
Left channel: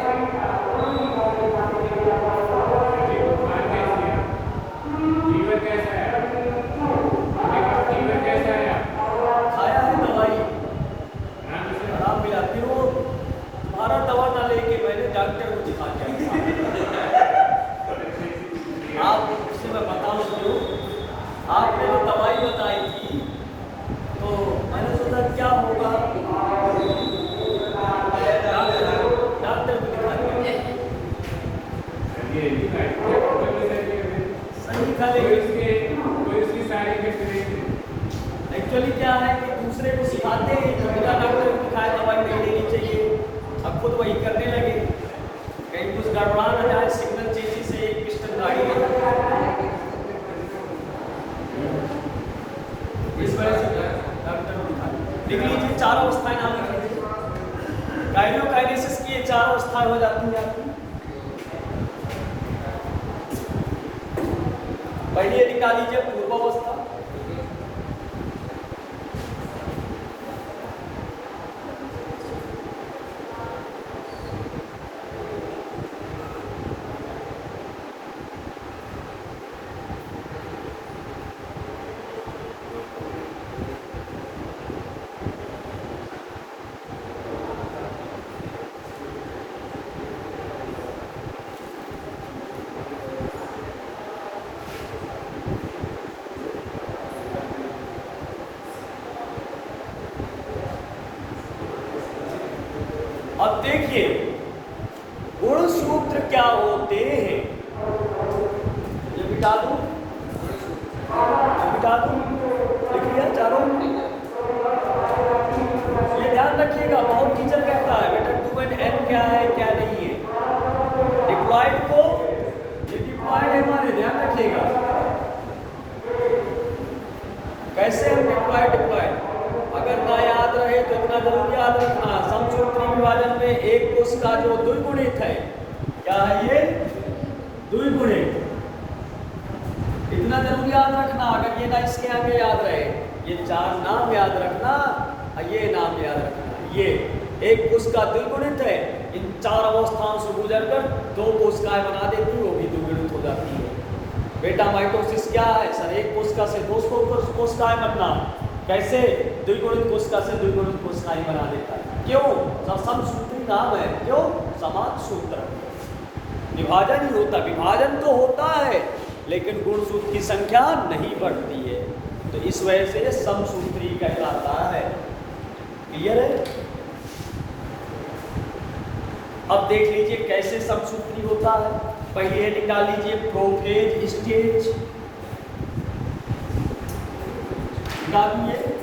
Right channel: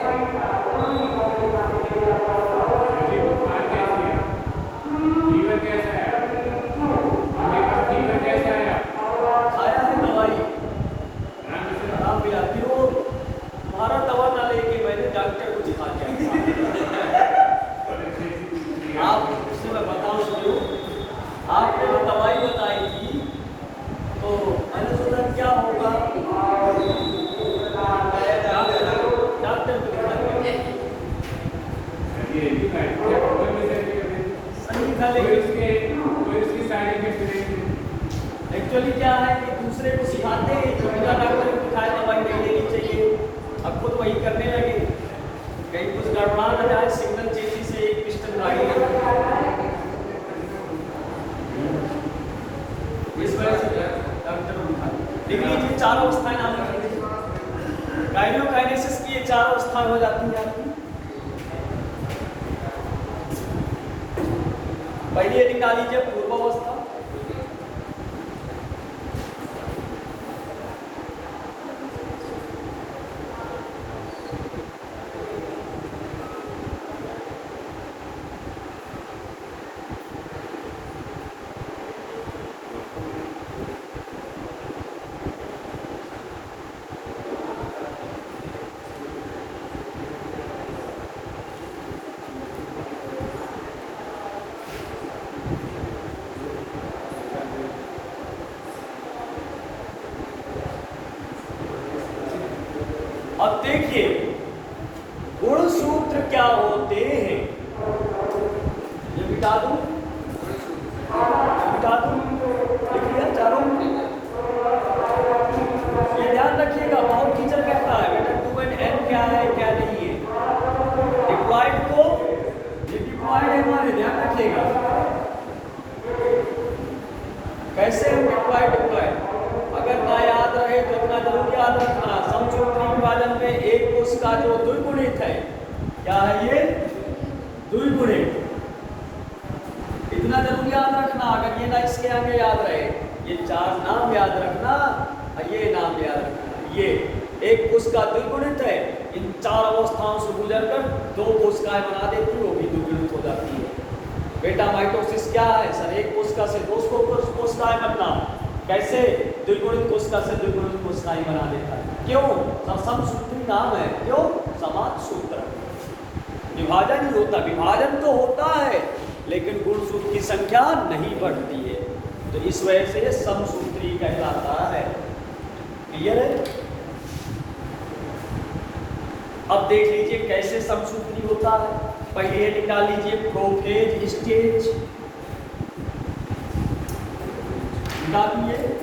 लीवर कैसा है? लीवर कैसा है? खाया है दवाई, खराब भी आती हो। तुम्हारा चार अवस्थाएं नाम रखेंगे। काइनेसिस की ये चार अवस्थाएं हो जाती हैं आपकी। पहले निकाल लीजिए पूर्वावस्था। अब देखिए गुण सूत्र क्या होते हैं, ये बिता दूं, लिख लिया चारों। ये ध्यान रखिएगा, बहुत टीचर कहता है बेटा 2n क्या है क्या नहीं है। डिप्लॉयड को ये डिप्लॉयड है हमारे, ध्यान रखिएगा कैसे हम डिप्लॉयड अगर ना याद रहे तो इतना जरूर याद रखना, समसूत्री विभाजन में एक कोश का जो द्विगुणित है, क्या है ये द्विगुणित, इतना जरूर याद रखना। अगर ये ना इसके आगे याद रहे, ये चार नाम याद रखना, ये नाम याद रखना, ये एक कोश का द्विगुणित है, इन चार अवस्थाओं से गुजरकर दो कोशिकाएं बना देती है, वो भी द्विगुणित हो जाती है। बेटा माइटोसिस क्या है सर, एक कोशिका से दो कोशिकाएं बनना, कैसे द्विगुणित कोशिका से द्विगुणित कोशिकाएं बना देता है, क्यों? समसूत्री नाम है, क्यों? समाज सूत्र, विभाजन ही होता, विभाजन तो होता है लेकिन गुणसूत्र की संख्या नहीं बढ़ती है, तो इस वजह से समसूत्री कहलाता है। क्लियर है? अब देख लीजिए कैसे समसूत्री होता है। पहले निकाल लीजिए प्रोफेज स्टेज, निकालिए।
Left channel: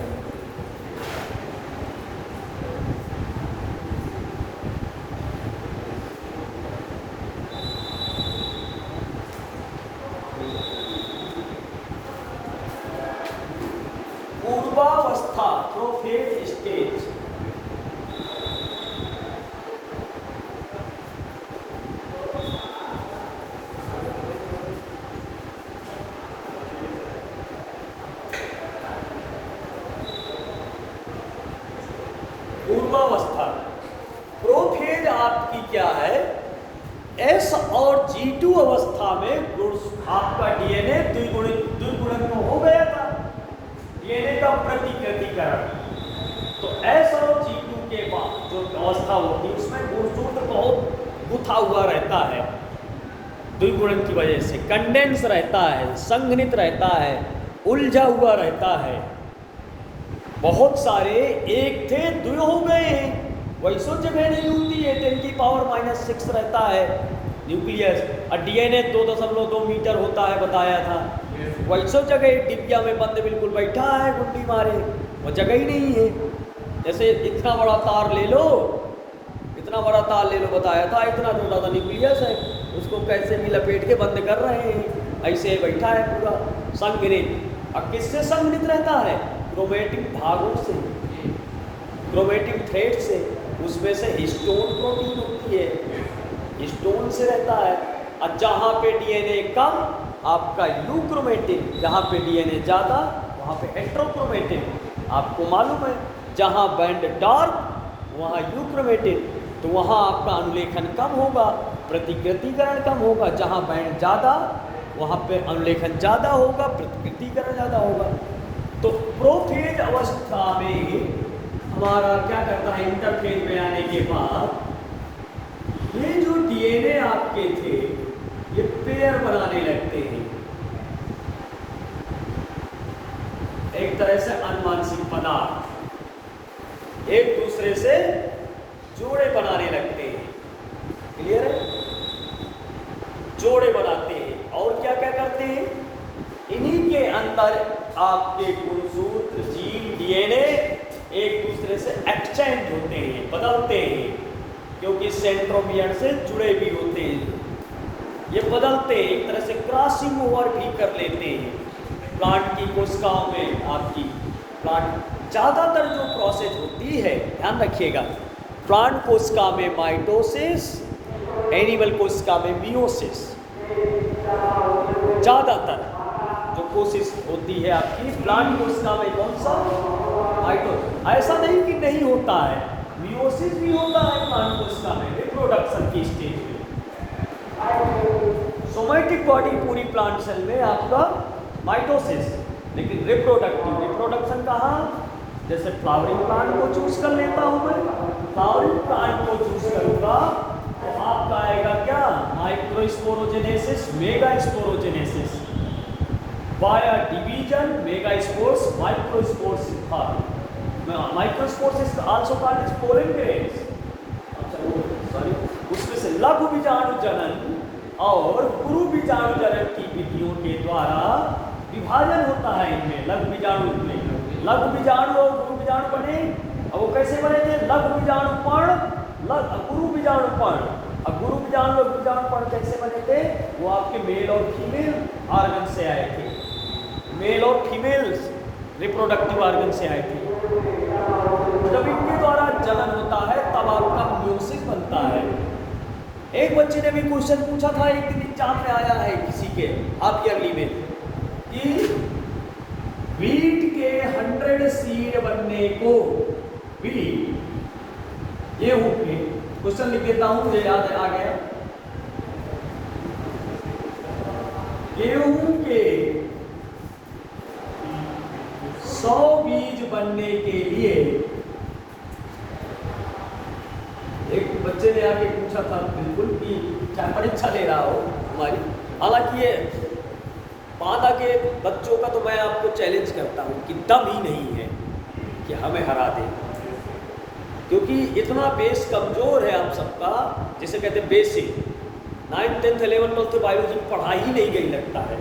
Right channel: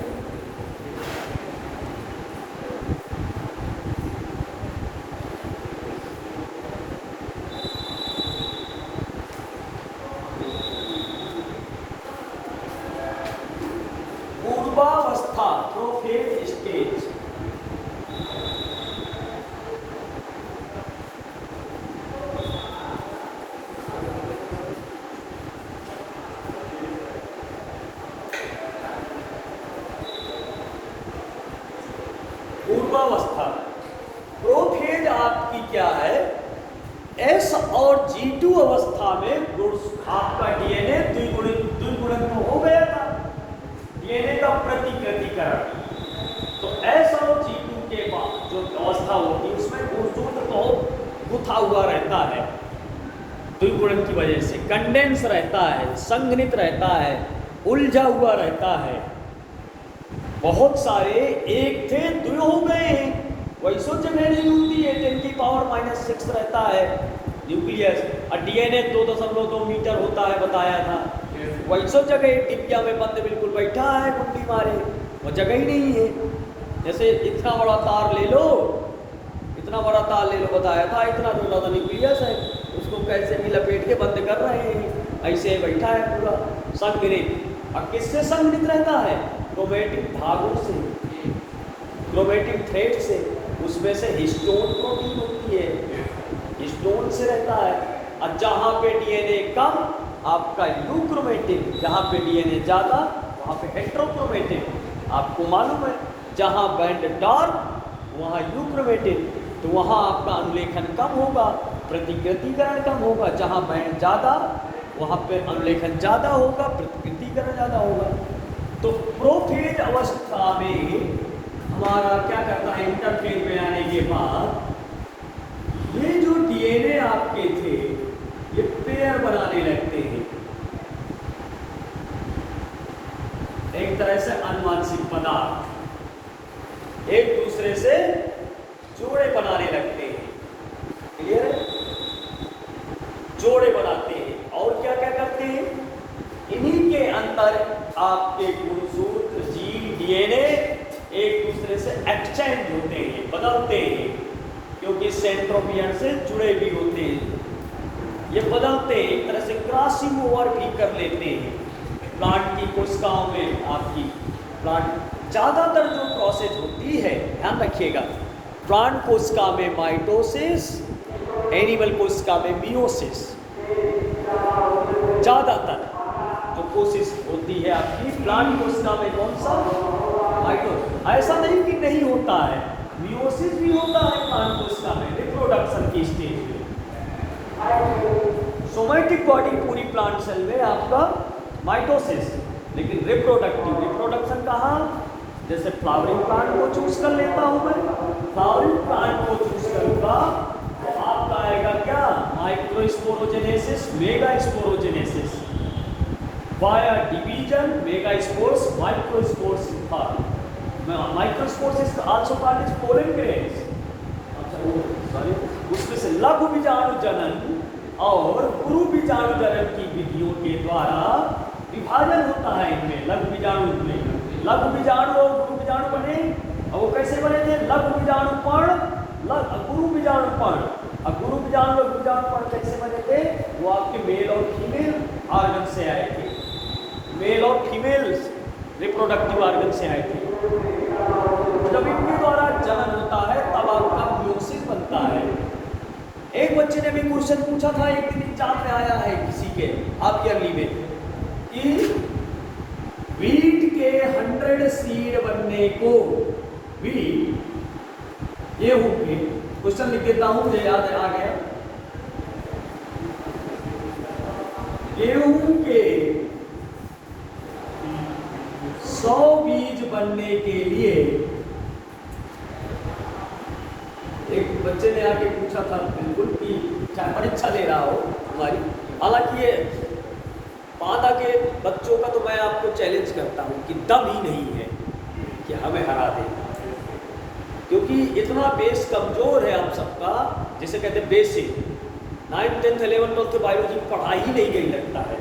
पूर्वावस्था प्रोफेज स्टेज, पूर्वावस्था प्रोफेज आपकी क्या है, एस और G2 अवस्था में आपका डीएनए द्विगुणित तो हो गया था, डीएनए का प्रतिकृतिकरण। तो एस और G2 के बाद जो अवस्था होती है उसमें गुणसूत्र तो गुथा हुआ रहता है, द्विगुणन की वजह से कंडेंस रहता है, संघनित रहता है, उलझा हुआ रहता है। बहुत सारे एक थे दो हो गए हैं, वैसो जगह नहीं होती है, 10⁻⁻⁶ रहता है न्यूक्लियस, और डीएनए 2.2 मीटर होता है बताया था, वैसो जगह डिब्बिया में बंद बिल्कुल बैठा है गुंडी मारे, वो जगह ही नहीं है। जैसे इतना बड़ा तार ले लो, इतना बड़ा तार ले लो बताया था, इतना छोटा सा न्यूक्लियस है, उसको कैसे भी लपेट के बंद कर रहे हैं, ऐसे बैठा है पूरा संघनित। अब किससे संघनित रहता है? क्रोमेटिक धागों से, क्रोमेटिक थ्रेड से, उसमें से हिस्टोन प्रोटीन होती है, हिस्टोन से रहता है। और जहाँ पे डीएनए कम आपका यूक्रोमेटिन, जहाँ पे डीएनए ज़्यादा वहाँ पे हेट्रोक्रोमेटिन, आपको मालूम है जहाँ बैंड डार्क वहाँ यूक्रोमेटिन, तो वहाँ आपका अनुलेखन कम होगा, प्रतिकृतिकरण कम होगा, जहाँ बैंड ज़्यादा वहाँ पे अनुलेखन ज़्यादा होगा, प्रतिकृतिकरण ज़्यादा होगा। तो प्रोफेज अवस्था में हमारा क्या करता है, इंटरफेज में आने के बाद ये जो डीएनए आपके थे ये पेयर बनाने लगते हैं, एक तरह से अनुवांशिक पदार्थ एक दूसरे से जोड़े बनाने लगते हैं। क्लियर है? जोड़े बनाते हैं और क्या क्या करते हैं, इन्हीं के अंदर आपके गुणसूत्र जीन डीएनए एक दूसरे से एक्सचेंज होते हैं, बदलते हैं, क्योंकि सेंट्रोमियर से जुड़े भी होते हैं, ये बदलते हैं, एक तरह से क्रॉसिंग ओवर भी कर लेते हैं। प्लांट की कोशिकाओं में आपकी प्लांट ज़्यादातर जो प्रोसेस होती है, ध्यान रखिएगा, प्लांट कोशिका में माइटोसिस, एनिमल कोशिका में मियोसिस। ज़्यादातर जो कोशिश होती है आपकी प्लांट कोशिका में कौन सा, माइटोसिस। ऐसा नहीं कि नहीं होता है, मियोसिस भी होता है प्लांट कोशिका में रिप्रोडक्शन की स्टेज में। सोमैटिक बॉडी पूरी प्लांट सेल में आपका माइटोसिस, लेकिन रिप्रोडक्शन कहाँ, जैसे फ्लावरिंग प्लांट को चूज कर लेता हूँ मैं, फ्लावरिंग प्लांट को चूज करूंगा तो आपका आएगा क्या, microsporogenesis, megasporogenesis, via division, megaspores, microspores, microspores also called as pollen grains. उसमें से लघु बीजाणु जनन और गुरु बीजाणु जनन की विधियों के द्वारा विभाजन होता है इनमें। लघु बीजाणु में लघु बीजाणु और गुरु बीजाणु बने, और वो कैसे बनेंगे, लघु बीजाणु पण, गुरु बीजाणु पण, और गुरु बीजाणु और गुरु बीजाणु पण कैसे बनेंगे, वो आपके मेल और फीमेल ऑर्गन से आए थे, मेल और फीमेल रिप्रोडक्टिव ऑर्गन से आए थे। जब इनके द्वारा जनन होता है तब आपका मियोसिस बनता है। एक बच्चे ने भी क्वेश्चन पूछा था, एक दिन एग्जाम में आया है किसी के आपकी अगली में, कि वीट के 100 सीड बनने को, वीट गेहूं के, क्वेश्चन लिख देता हूं मुझे याद आ गया, गेहूं के 100 बीज बनने के लिए, एक बच्चे ने आके पूछा था बिल्कुल कि चाहे परीक्षा ले रहा हो हमारी, हालांकि ये माता के बच्चों का तो मैं आपको चैलेंज करता हूँ कि दम ही नहीं है कि हमें हरा दे, क्योंकि इतना बेस कमजोर है आप सबका, जिसे कहते हैं basic. 9th 10th 11th 12th biology में पढ़ा ही नहीं गई लगता है।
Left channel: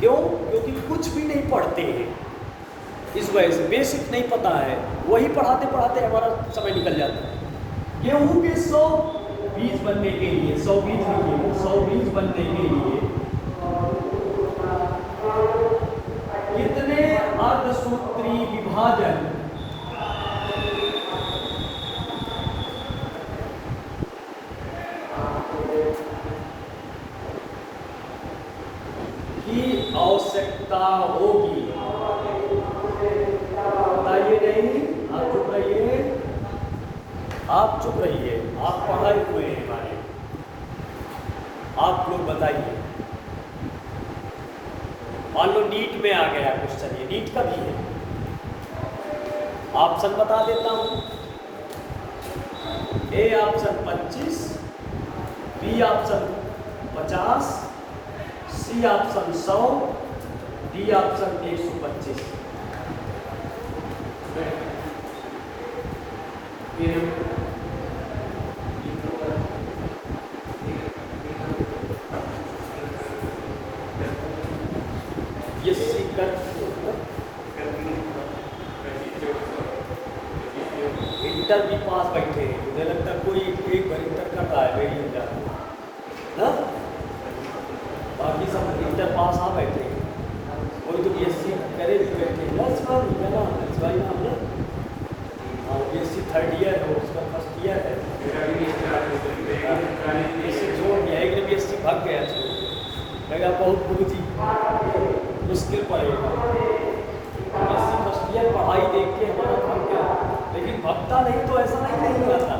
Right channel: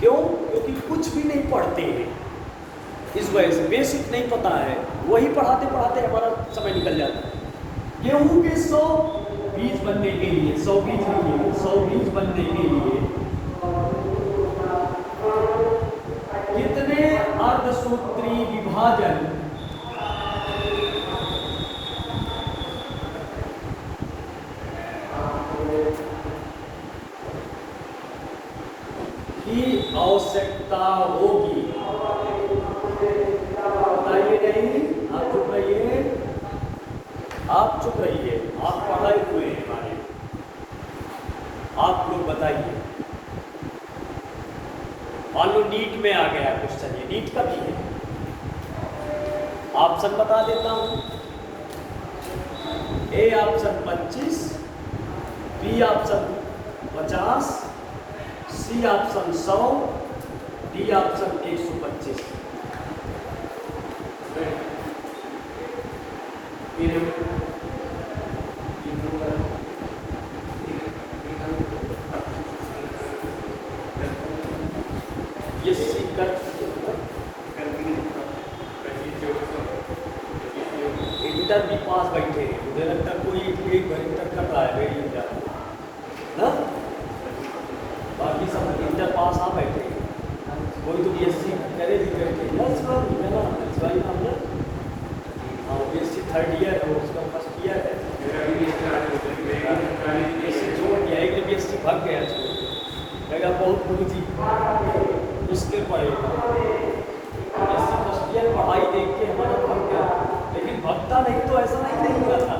क्यों? क्योंकि कुछ भी नहीं पढ़ते हैं, इस वजह से बेसिक नहीं पता है, वही पढ़ाते पढ़ाते हमारा समय निकल जाता है। गेहूं के 100 बीज बनने के लिए, 100 बीज नहीं, 100 बीज बनने के लिए कितने अर्धसूत्री विभाजन की आवश्यकता होगी, बताइए। नहीं, आप चुप रहिए, आप चुप रहिए, आप पढ़ाए हुए हैं भाई, आप लोग बताइए। मान लो नीट में आ गया क्वेश्चन, ये नीट का भी है, ऑप्शन बता देता हूं। A option 25, B option 50, C option 100, D option 125। Inter भी पास बैठे, मुझे लगता है कोई एक इंटर का है वेरी इंटर ना, बाकी सब इंटर पास आ बैठे, कोई तो बीएससी करे भी बैठे, प्लस वन भाई हम बीएससी 3rd ईयर है, उसका फर्स्ट ईयर है, मेरा भी बीएससी भाग गया, मेरा बहुत बहुत मुश्किल पड़ेगा, बीएससी फर्स्ट ईयर पढ़ाई देख के हमारा भाग गया, लेकिन भक्ता नहीं तो ऐसा नहीं हुआ था,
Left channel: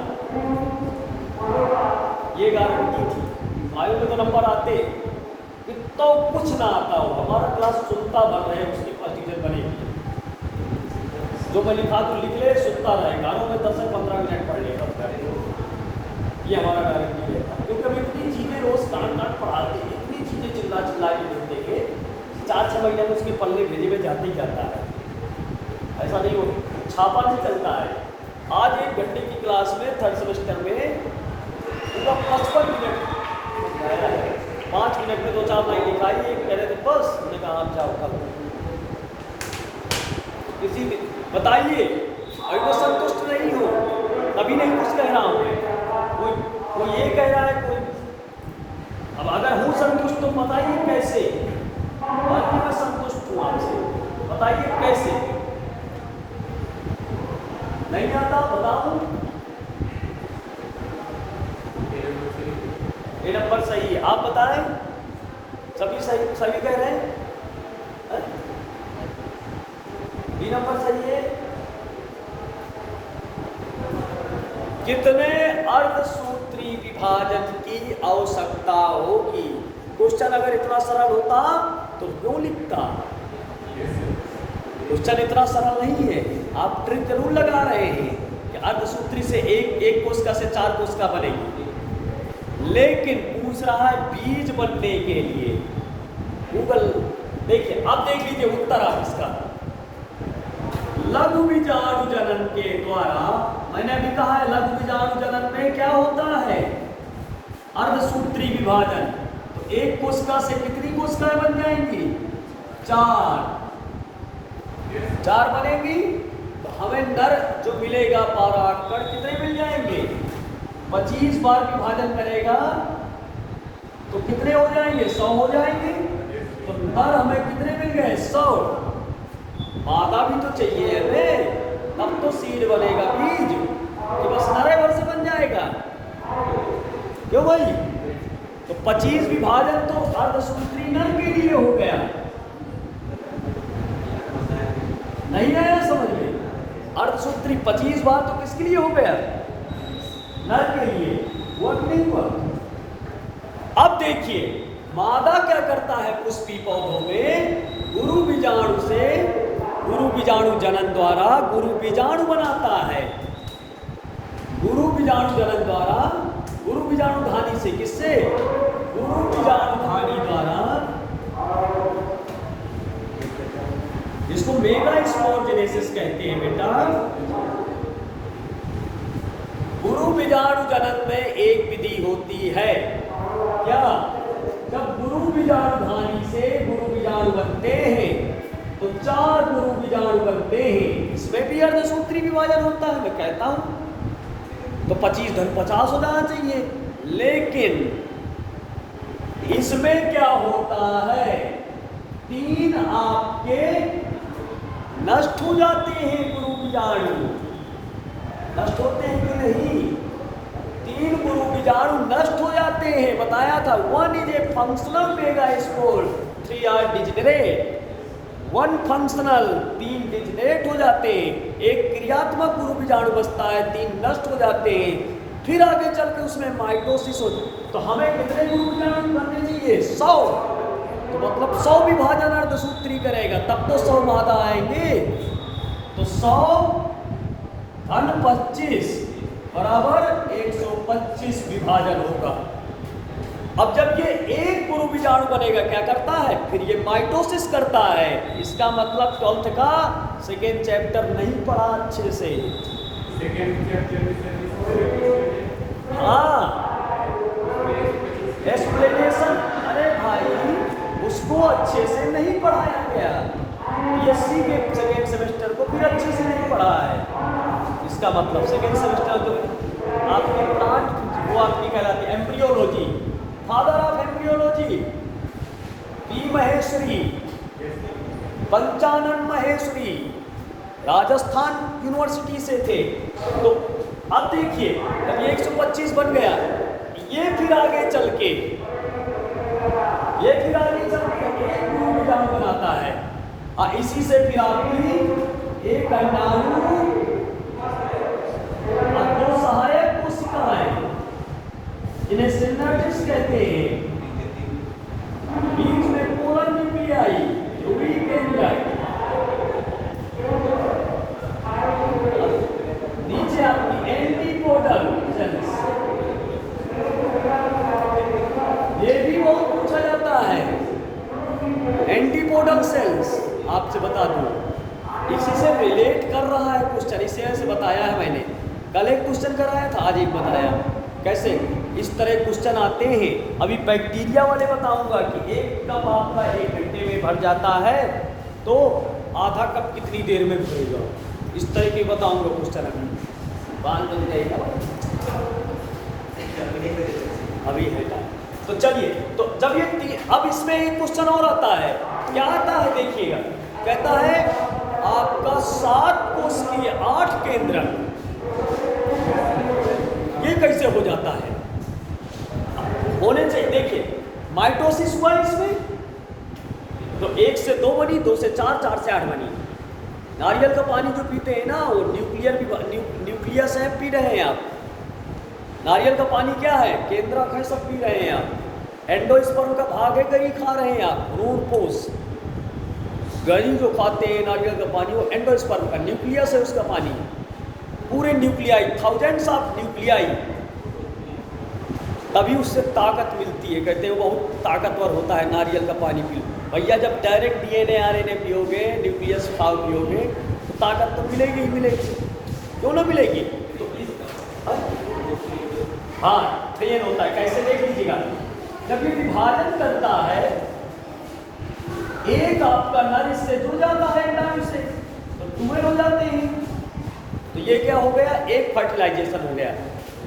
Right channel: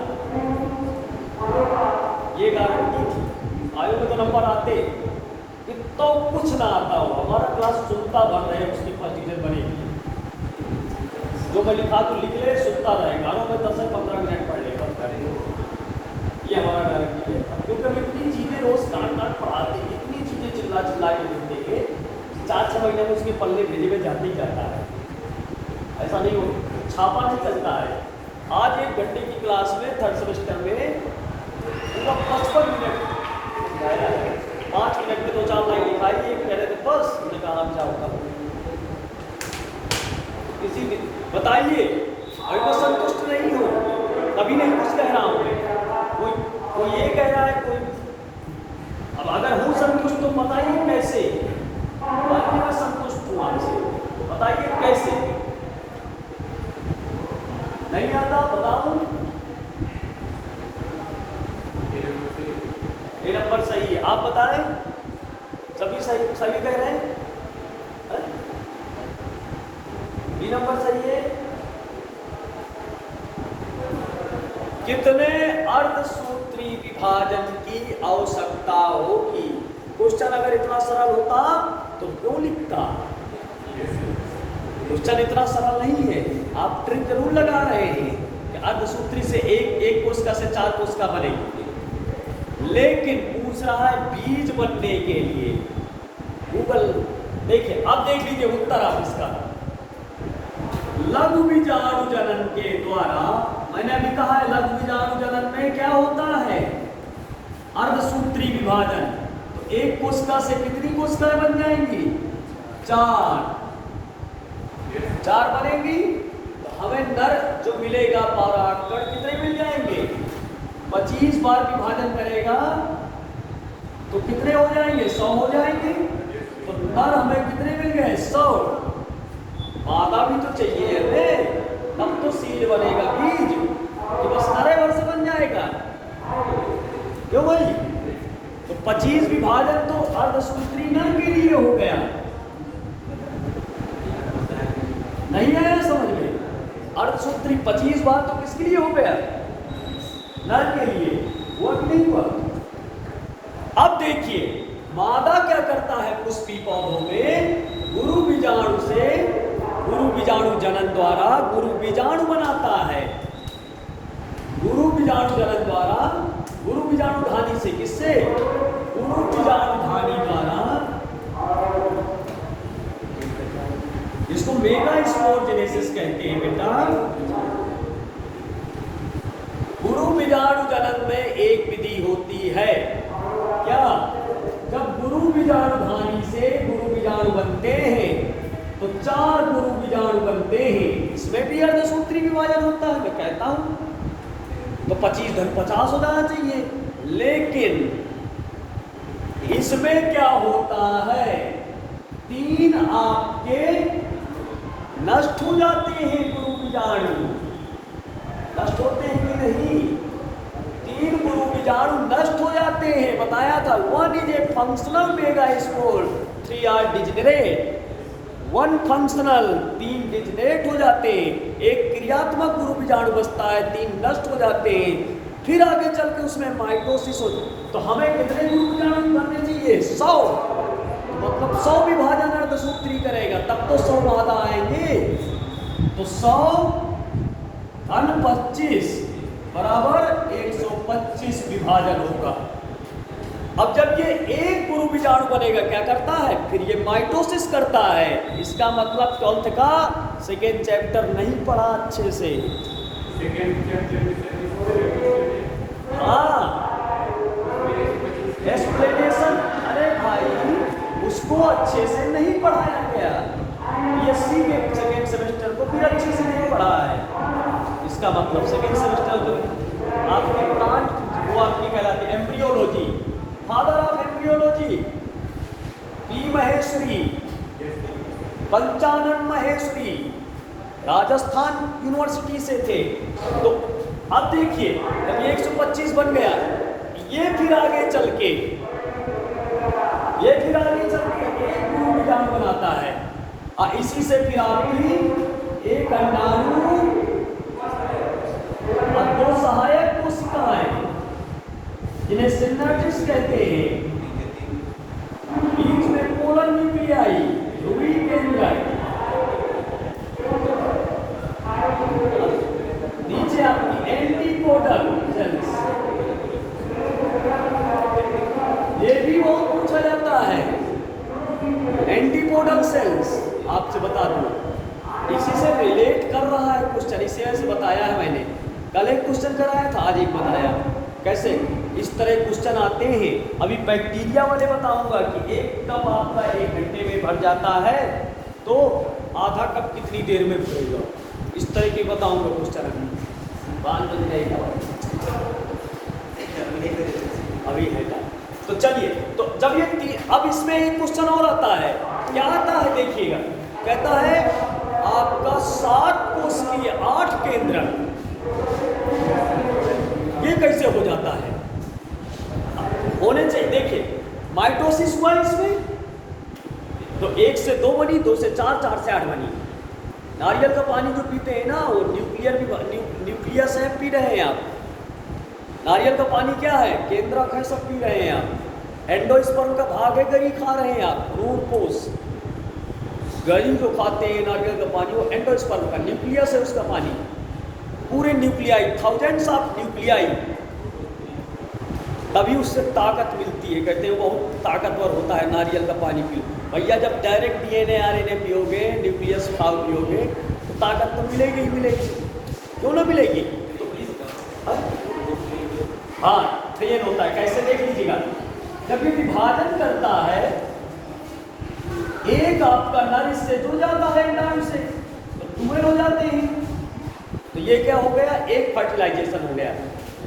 ये गारंटी थी। आयु में तो नंबर आते तो कुछ ना आता हो, हमारा क्लास सुनता बन रहे, उसके टीचर बने, जो मैं लिखा तो लिख ले, सुनता रहे, गानों में 10-15 मिनट पढ़ लेगा, ये हमारा गारंटी है, क्योंकि हम इतनी चीज़ें रोज काट पढ़ाते, इतनी चीज़ें चिल्ला के देते हैं, 4-6 महीने में उसके पल्ले भेजे में जाते ही जाता है, ऐसा नहीं हो, छापा नहीं चलता है। आज 1 घंटे की क्लास में 3rd सेमेस्टर में 55 मिनट, 5 मिनट में 2-4 लाइन लिखाई, पहले तो बस मैंने कहा आप जाओ, किसी बताइए, अभी मैं संतुष्ट नहीं हूँ, तभी नहीं कुछ कह रहा हूँ मैं, कोई ये कह रहा है, कोई अब अगर हूँ संतुष्ट तो बताइए कैसे, मैं संतुष्ट हूँ आपसे, बताइए कैसे। नहीं आता बताओ। ये नंबर सही है, आप बताएं। सभी सही, सभी कह रहे हैं ये नंबर सही है। कितने अर्धसूत्री विभाजन की आवश्यकता होगी? क्वेश्चन अगर इतना सरल होता तो क्यों लिखता? क्वेश्चन इतना सरल नहीं है, आप ट्रिक जरूर लगा रहे हैं कि अर्धसूत्री से एक कोशिका से 4 कोशिका बनेगी, लेकिन पूछ रहा है बीज बनने के लिए। गूगल देखिए, अब देख लीजिए उत्तर आप इसका। लघु बीजाणु जनन के द्वारा, मैंने अभी कहा है लघु बीजाणु जनन में क्या होता है? अर्धसूत्री विभाजन। तो एक कोशिका से कितनी कोशिकाएं बन जाएंगी? 4 बनेगी। तो हमें नर जो मिलेगा परागकण कितने मिल जाएंगे? 25 बार विभाजन करेगा तो कितने हो जाएंगे? 100 हो जाएंगे। तो नर हमें कितने मिल गए? 100। मादा भी तो चाहिए हमें, तब तो सीड बनेगा बीज, कि बस नरे वर्ष बन जाएगा। क्यों भाई? तो 25 विभाजन तो अर्धसूत्री नर के लिए हो गया। नहीं आया समझ में? अर्धसूत्री 25 बार तो किसके लिए हो गया? नर के लिए। वर्क नहीं हुआ। अब देखिए मादा क्या करता है पुष्पी पौधों में? गुरु बीजाणु से, गुरु बीजाणु जनन द्वारा गुरु बीजाणु बनाता है। गुरु बीजाणु जनन द्वारा, गुरु बीजाणु धानी से, किससे? गुरु बीजाणु धानी द्वारा, जिसको मेगा स्पोरजेनेसिस कहते हैं बेटा। गुरु बीजाणु जनन में एक विधि होती है, क्या? जब गुरु बीजाणु धानी से गुरु बीजाणु बनते हैं तो 4 गुरु बीजाणु बनते हैं। इसमें भी अर्धसूत्री विभाजन होता है, मैं कहता हूं। तो 25 धन 50 हो जाना चाहिए, लेकिन इसमें क्या होता है? 3 आपके नष्ट हो जाते हैं। गुरु बीजाणु नष्ट होते हैं कि नहीं? 3 गुरु बीजाणु नष्ट हो जाते हैं। बताया था 1 is a functional megaspore, 3 are degenerate. 1 functional, 3 degenerate हो जाते हैं। एक क्रियात्मक गुरु बीजाणु बचता है, 3 नष्ट हो जाते हैं। फिर आगे चल के उसमें माइटोसिस हो। तो हमें कितने गुरु बीजाणु बनने चाहिए? 100। तो मतलब 100 विभाजन अर्धसूत्री करेगा, तब तो 100 मादा आएंगे। तो 100 धन 25 बराबर 125 विभाजन होगा। अब जब ये एक गुरु बीजाणु बनेगा क्या करता है? फिर ये माइटोसिस करता है। इसका मतलब 12th का 2nd चैप्टर नहीं पढ़ा अच्छे से। हाँ, एक्सप्लेनेशन, अरे भाई उसको अच्छे से नहीं पढ़ाया गया। बीएससी के 2nd सेमेस्टर को भी अच्छे से नहीं पढ़ा है। इसका मतलब 2nd सेमेस्टर तो आपकी प्लांट वो आपकी कहलाती है embryology, father of embryology P Maheshwari, Panchanan Maheshwari Rajasthan university से थे। तो अब देखिए जब ये 125 बन गया, ये फिर आगे चल के एक गुरु बीजाणु बनाता है। इसी से फिर आपकी एक अंडाणु और 2 सहायक कोशिकाएं, जिन्हें सिनेप्टिक्स कहते हैं। बीच में पोलर न्यूक्लियाई, ध्रुवी केंद्र, नीचे आपकी एंटीपोडल सेल्स। ये भी बहुत पूछा जाता है, एंटीपोडल सेल्स। आपसे बता दूं, इसी से रिलेट कर रहा है क्वेश्चन, इसे ऐसे बताया है मैंने। कल एक क्वेश्चन कराया था, आज एक बताया। कैसे इस तरह क्वेश्चन आते हैं। अभी बैक्टीरिया वाले बताऊंगा कि एक कप आपका 1 घंटे में भर जाता है, तो आधा कप कितनी देर में भरेगा। इस तरह के बताऊंगा क्वेश्चन। अभी है तो चलिए, तो जब ये अब इसमें एक क्वेश्चन और आता है। क्या आता है देखिएगा, कहता है आपका 7 कोशिकीय 8 केंद्रक, ये कैसे हो जाता है? होने चाहिए। देखिए माइटोसिस हुआ इसमें तो 1 से 2 बनी, 2 से 4, 4 से 8 बनी। नारियल का पानी जो पीते हैं ना वो न्यूक्लियस है, पी रहे हैं आप। नारियल का पानी क्या है? केंद्रक है, सब पी रहे हैं आप। एंडोस्पर्म का भाग है, गरी खा रहे हैं आप, भ्रूणपोष। गरी जो खाते हैं नारियल का पानी वो एंडोस्पर्म का न्यूक्लियस है, उसका पानी। पूरे न्यूक्लियाई, थाउजेंड्स ऑफ न्यूक्लियाई, तभी उससे ताकत मिलती है। कहते हैं बहुत ताकतवर होता है नारियल का पानी पी। भैया जब डायरेक्ट DNA RNA पियोगे, न्यूक्लियस खाओ पियोगे तो ताकत तो मिलेगी ही मिलेगी, क्यों ना मिलेगी? तो हाँ ट्रेन होता है। कैसे देख लीजिएगा, जब ये विभाजन करता है एक आपका नर इससे जुड़ जाता है नाम से, तो ट्यूबल हो जाते हैं। तो ये क्या हो गया? एक फर्टिलाइजेशन हो गया।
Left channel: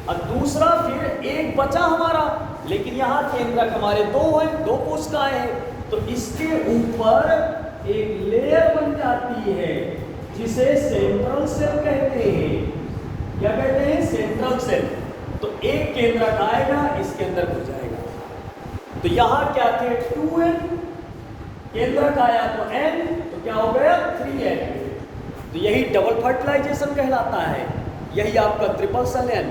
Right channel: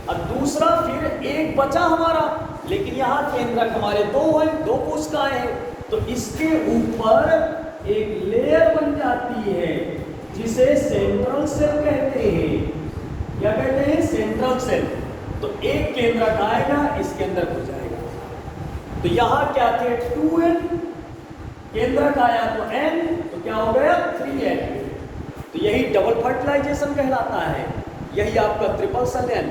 और दूसरा फिर एक बचा हमारा, लेकिन यहाँ केंद्रक हमारे 2 हैं, 2 कोशिकाएं हैं, तो इसके ऊपर एक लेयर बन जाती है जिसे सेंट्रल सेल कहते हैं। क्या कहते हैं? Central cell. तो एक केंद्रक आएगा, इसके अंदर घुस जाएगा। तो यहाँ क्या थे? 2n, केंद्रक आया तो n, तो क्या हो गया? 3n। तो यही डबल फर्टिलाइजेशन कहलाता है, यही आपका ट्रिपल सेल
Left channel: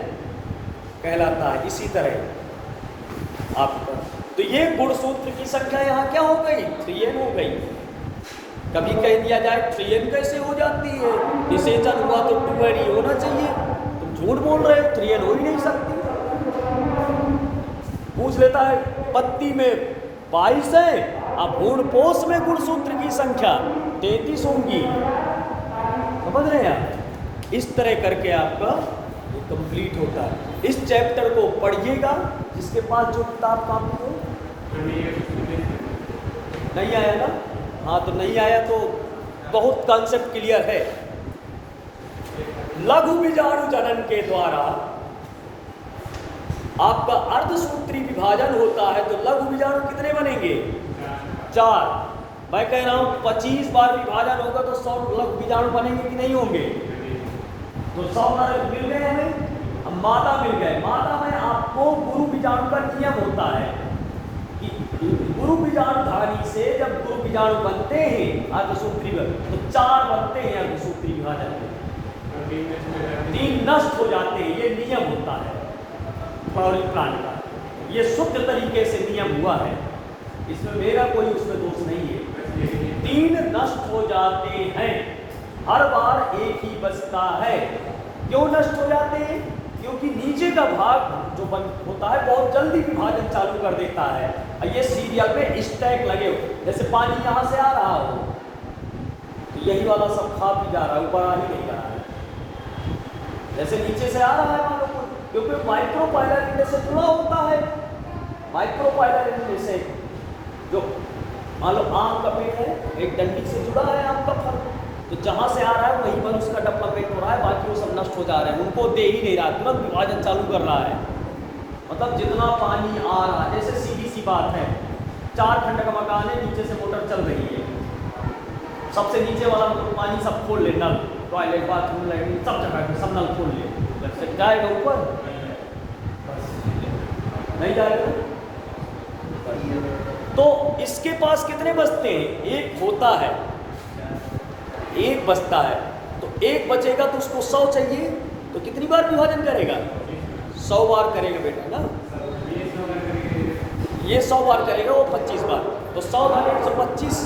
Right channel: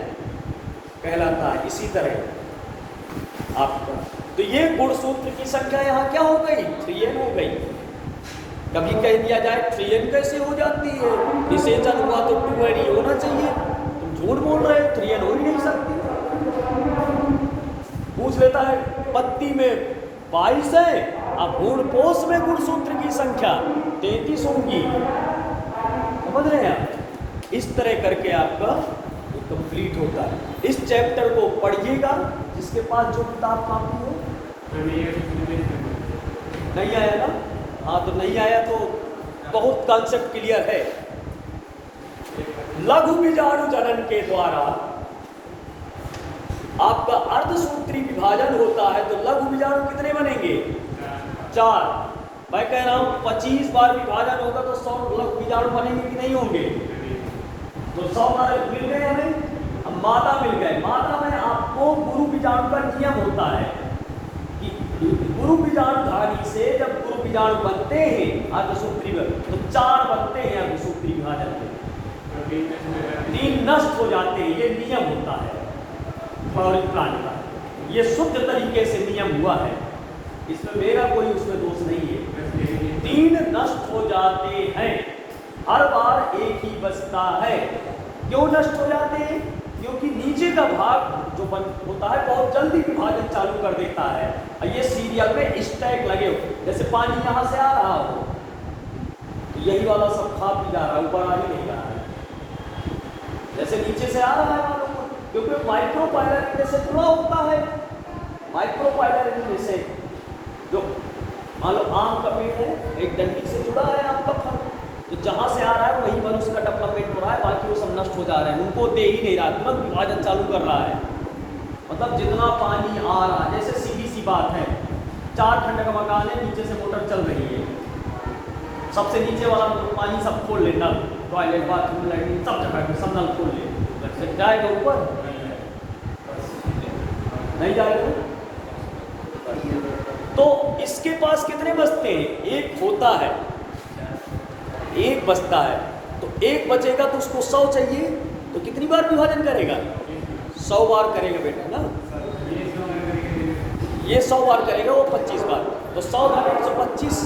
कहलाता है। इसी तरह आपका तो ये गुणसूत्र की संख्या यहाँ क्या हो गई? 3n हो गई। कभी कह दिया जाए 3n कैसे हो जाती है? निषेचन हुआ तो 2n ही होना चाहिए। तुम झूठ बोल रहे हो, 3n हो ही नहीं सकती। पूछ लेता है पत्ती में 22 है, अब भ्रूणपोष में गुणसूत्र की संख्या 33 होगी। समझ रहे हैं आप? इस तरह करके आपका वो कंप्लीट होता है। इस चैप्टर को पढ़िएगा, जिसके पास जो किताब कापी हो। नहीं आया ना? हाँ तो नहीं आया तो बहुत कॉन्सेप्ट क्लियर है। लघु बीजाणु जनन के द्वारा आपका अर्धसूत्री विभाजन होता है, तो लघु बीजाणु कितने बनेंगे? 4। मैं कह रहा हूं 25 बार विभाजन होगा तो 100 लघु बीजाणु बनेंगे कि नहीं होंगे? तो 100 बार मिल गए हमें। अब मादा मिल गए। मादा में आपको गुरु बीजाणु का नियम होता है कि गुरु बीजाणु धारी से जब गुरु बीजाणु बनते हैं अर्धसूत्री में, तो 4 बनते हैं अर्धसूत्री विभाजन में, 3 नष्ट हो जाते हैं। ये नियम होता है पौराणिक काल का। ये शुद्ध तरीके से नियम हुआ है, इसमें मेरा कोई उसमें दोष नहीं है। 3 नष्ट हो जाते हैं, हर बार एक ही बचता है। क्यों नष्ट हो जाते हैं? क्योंकि नीचे का भाग जो होता है बहुत जल्दी विभाजन चालू कर देता है। ये सीरियल में स्टैक लगे, जैसे पानी यहाँ से आ रहा हो तो यही वाला सब खा पी जा रहा है, ऊपर आ ही नहीं रहा है। जैसे नीचे से आ रहा है, क्योंकि माइक्रोपाइलर से पूरा होता है। माइक्रोपाइलर से जो मान लो आम का पेड़ है, एक डंडी से जुड़ा है आपका फल, तो जहाँ से आ रहा है वहीं पर उसका डेवलपमेंट हो रहा है, बाकी वो सब नष्ट हो जा रहे हैं। उनको दे ही नहीं रहा, तुरंत विभाजन चालू कर रहा है। मतलब जितना पानी आ रहा, जैसे सीधी सी बात है, 4 खंड का मकान है, नीचे से मोटर चल रही है, सबसे नीचे वाला पानी सब खोल ले, नल, टॉयलेट, बाथरूम, लैट्रिन सब जगह सब नल खोल ले, जब जाएगा ऊपर नहीं जाएगा। तो इसके पास कितने बचते हैं? एक होता है, एक बचता है, तो एक बचेगा तो उसको 100 चाहिए, तो कितनी बार विभाजन करेगा? 100 बार करेगा बेटा ना। ये 100 बार करेगा, वो 25 बार, तो 100 भागे 125,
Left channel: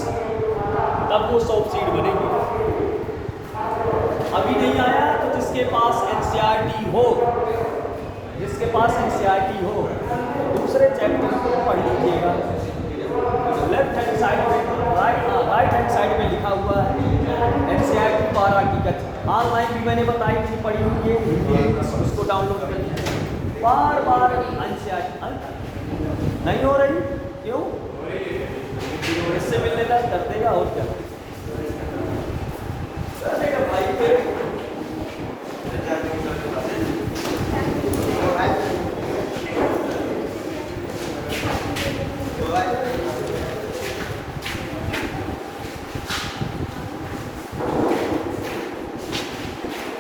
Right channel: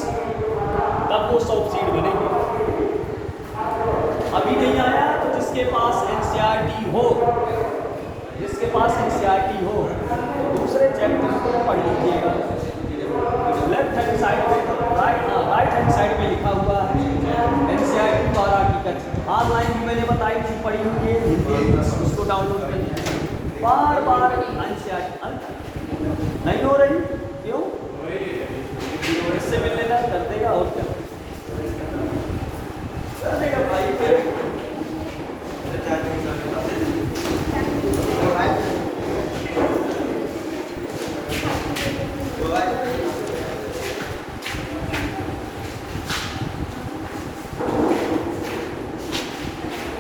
तब वो 100 सीट बनेगी। अभी नहीं आया तो जिसके पास NCERT हो, जिसके पास NCERT हो, दूसरे चैप्टर को पढ़ लीजिएगा। लेफ्ट हैंड साइड में, राइट हैंड साइड में लिखा हुआ है NCERT 12 की कक्षा। ऑनलाइन भी मैंने बताई थी, पढ़ी हुई है हिंदी, उसको डाउनलोड कर लीजिए। बार NCERT नहीं हो रही, क्यों? इससे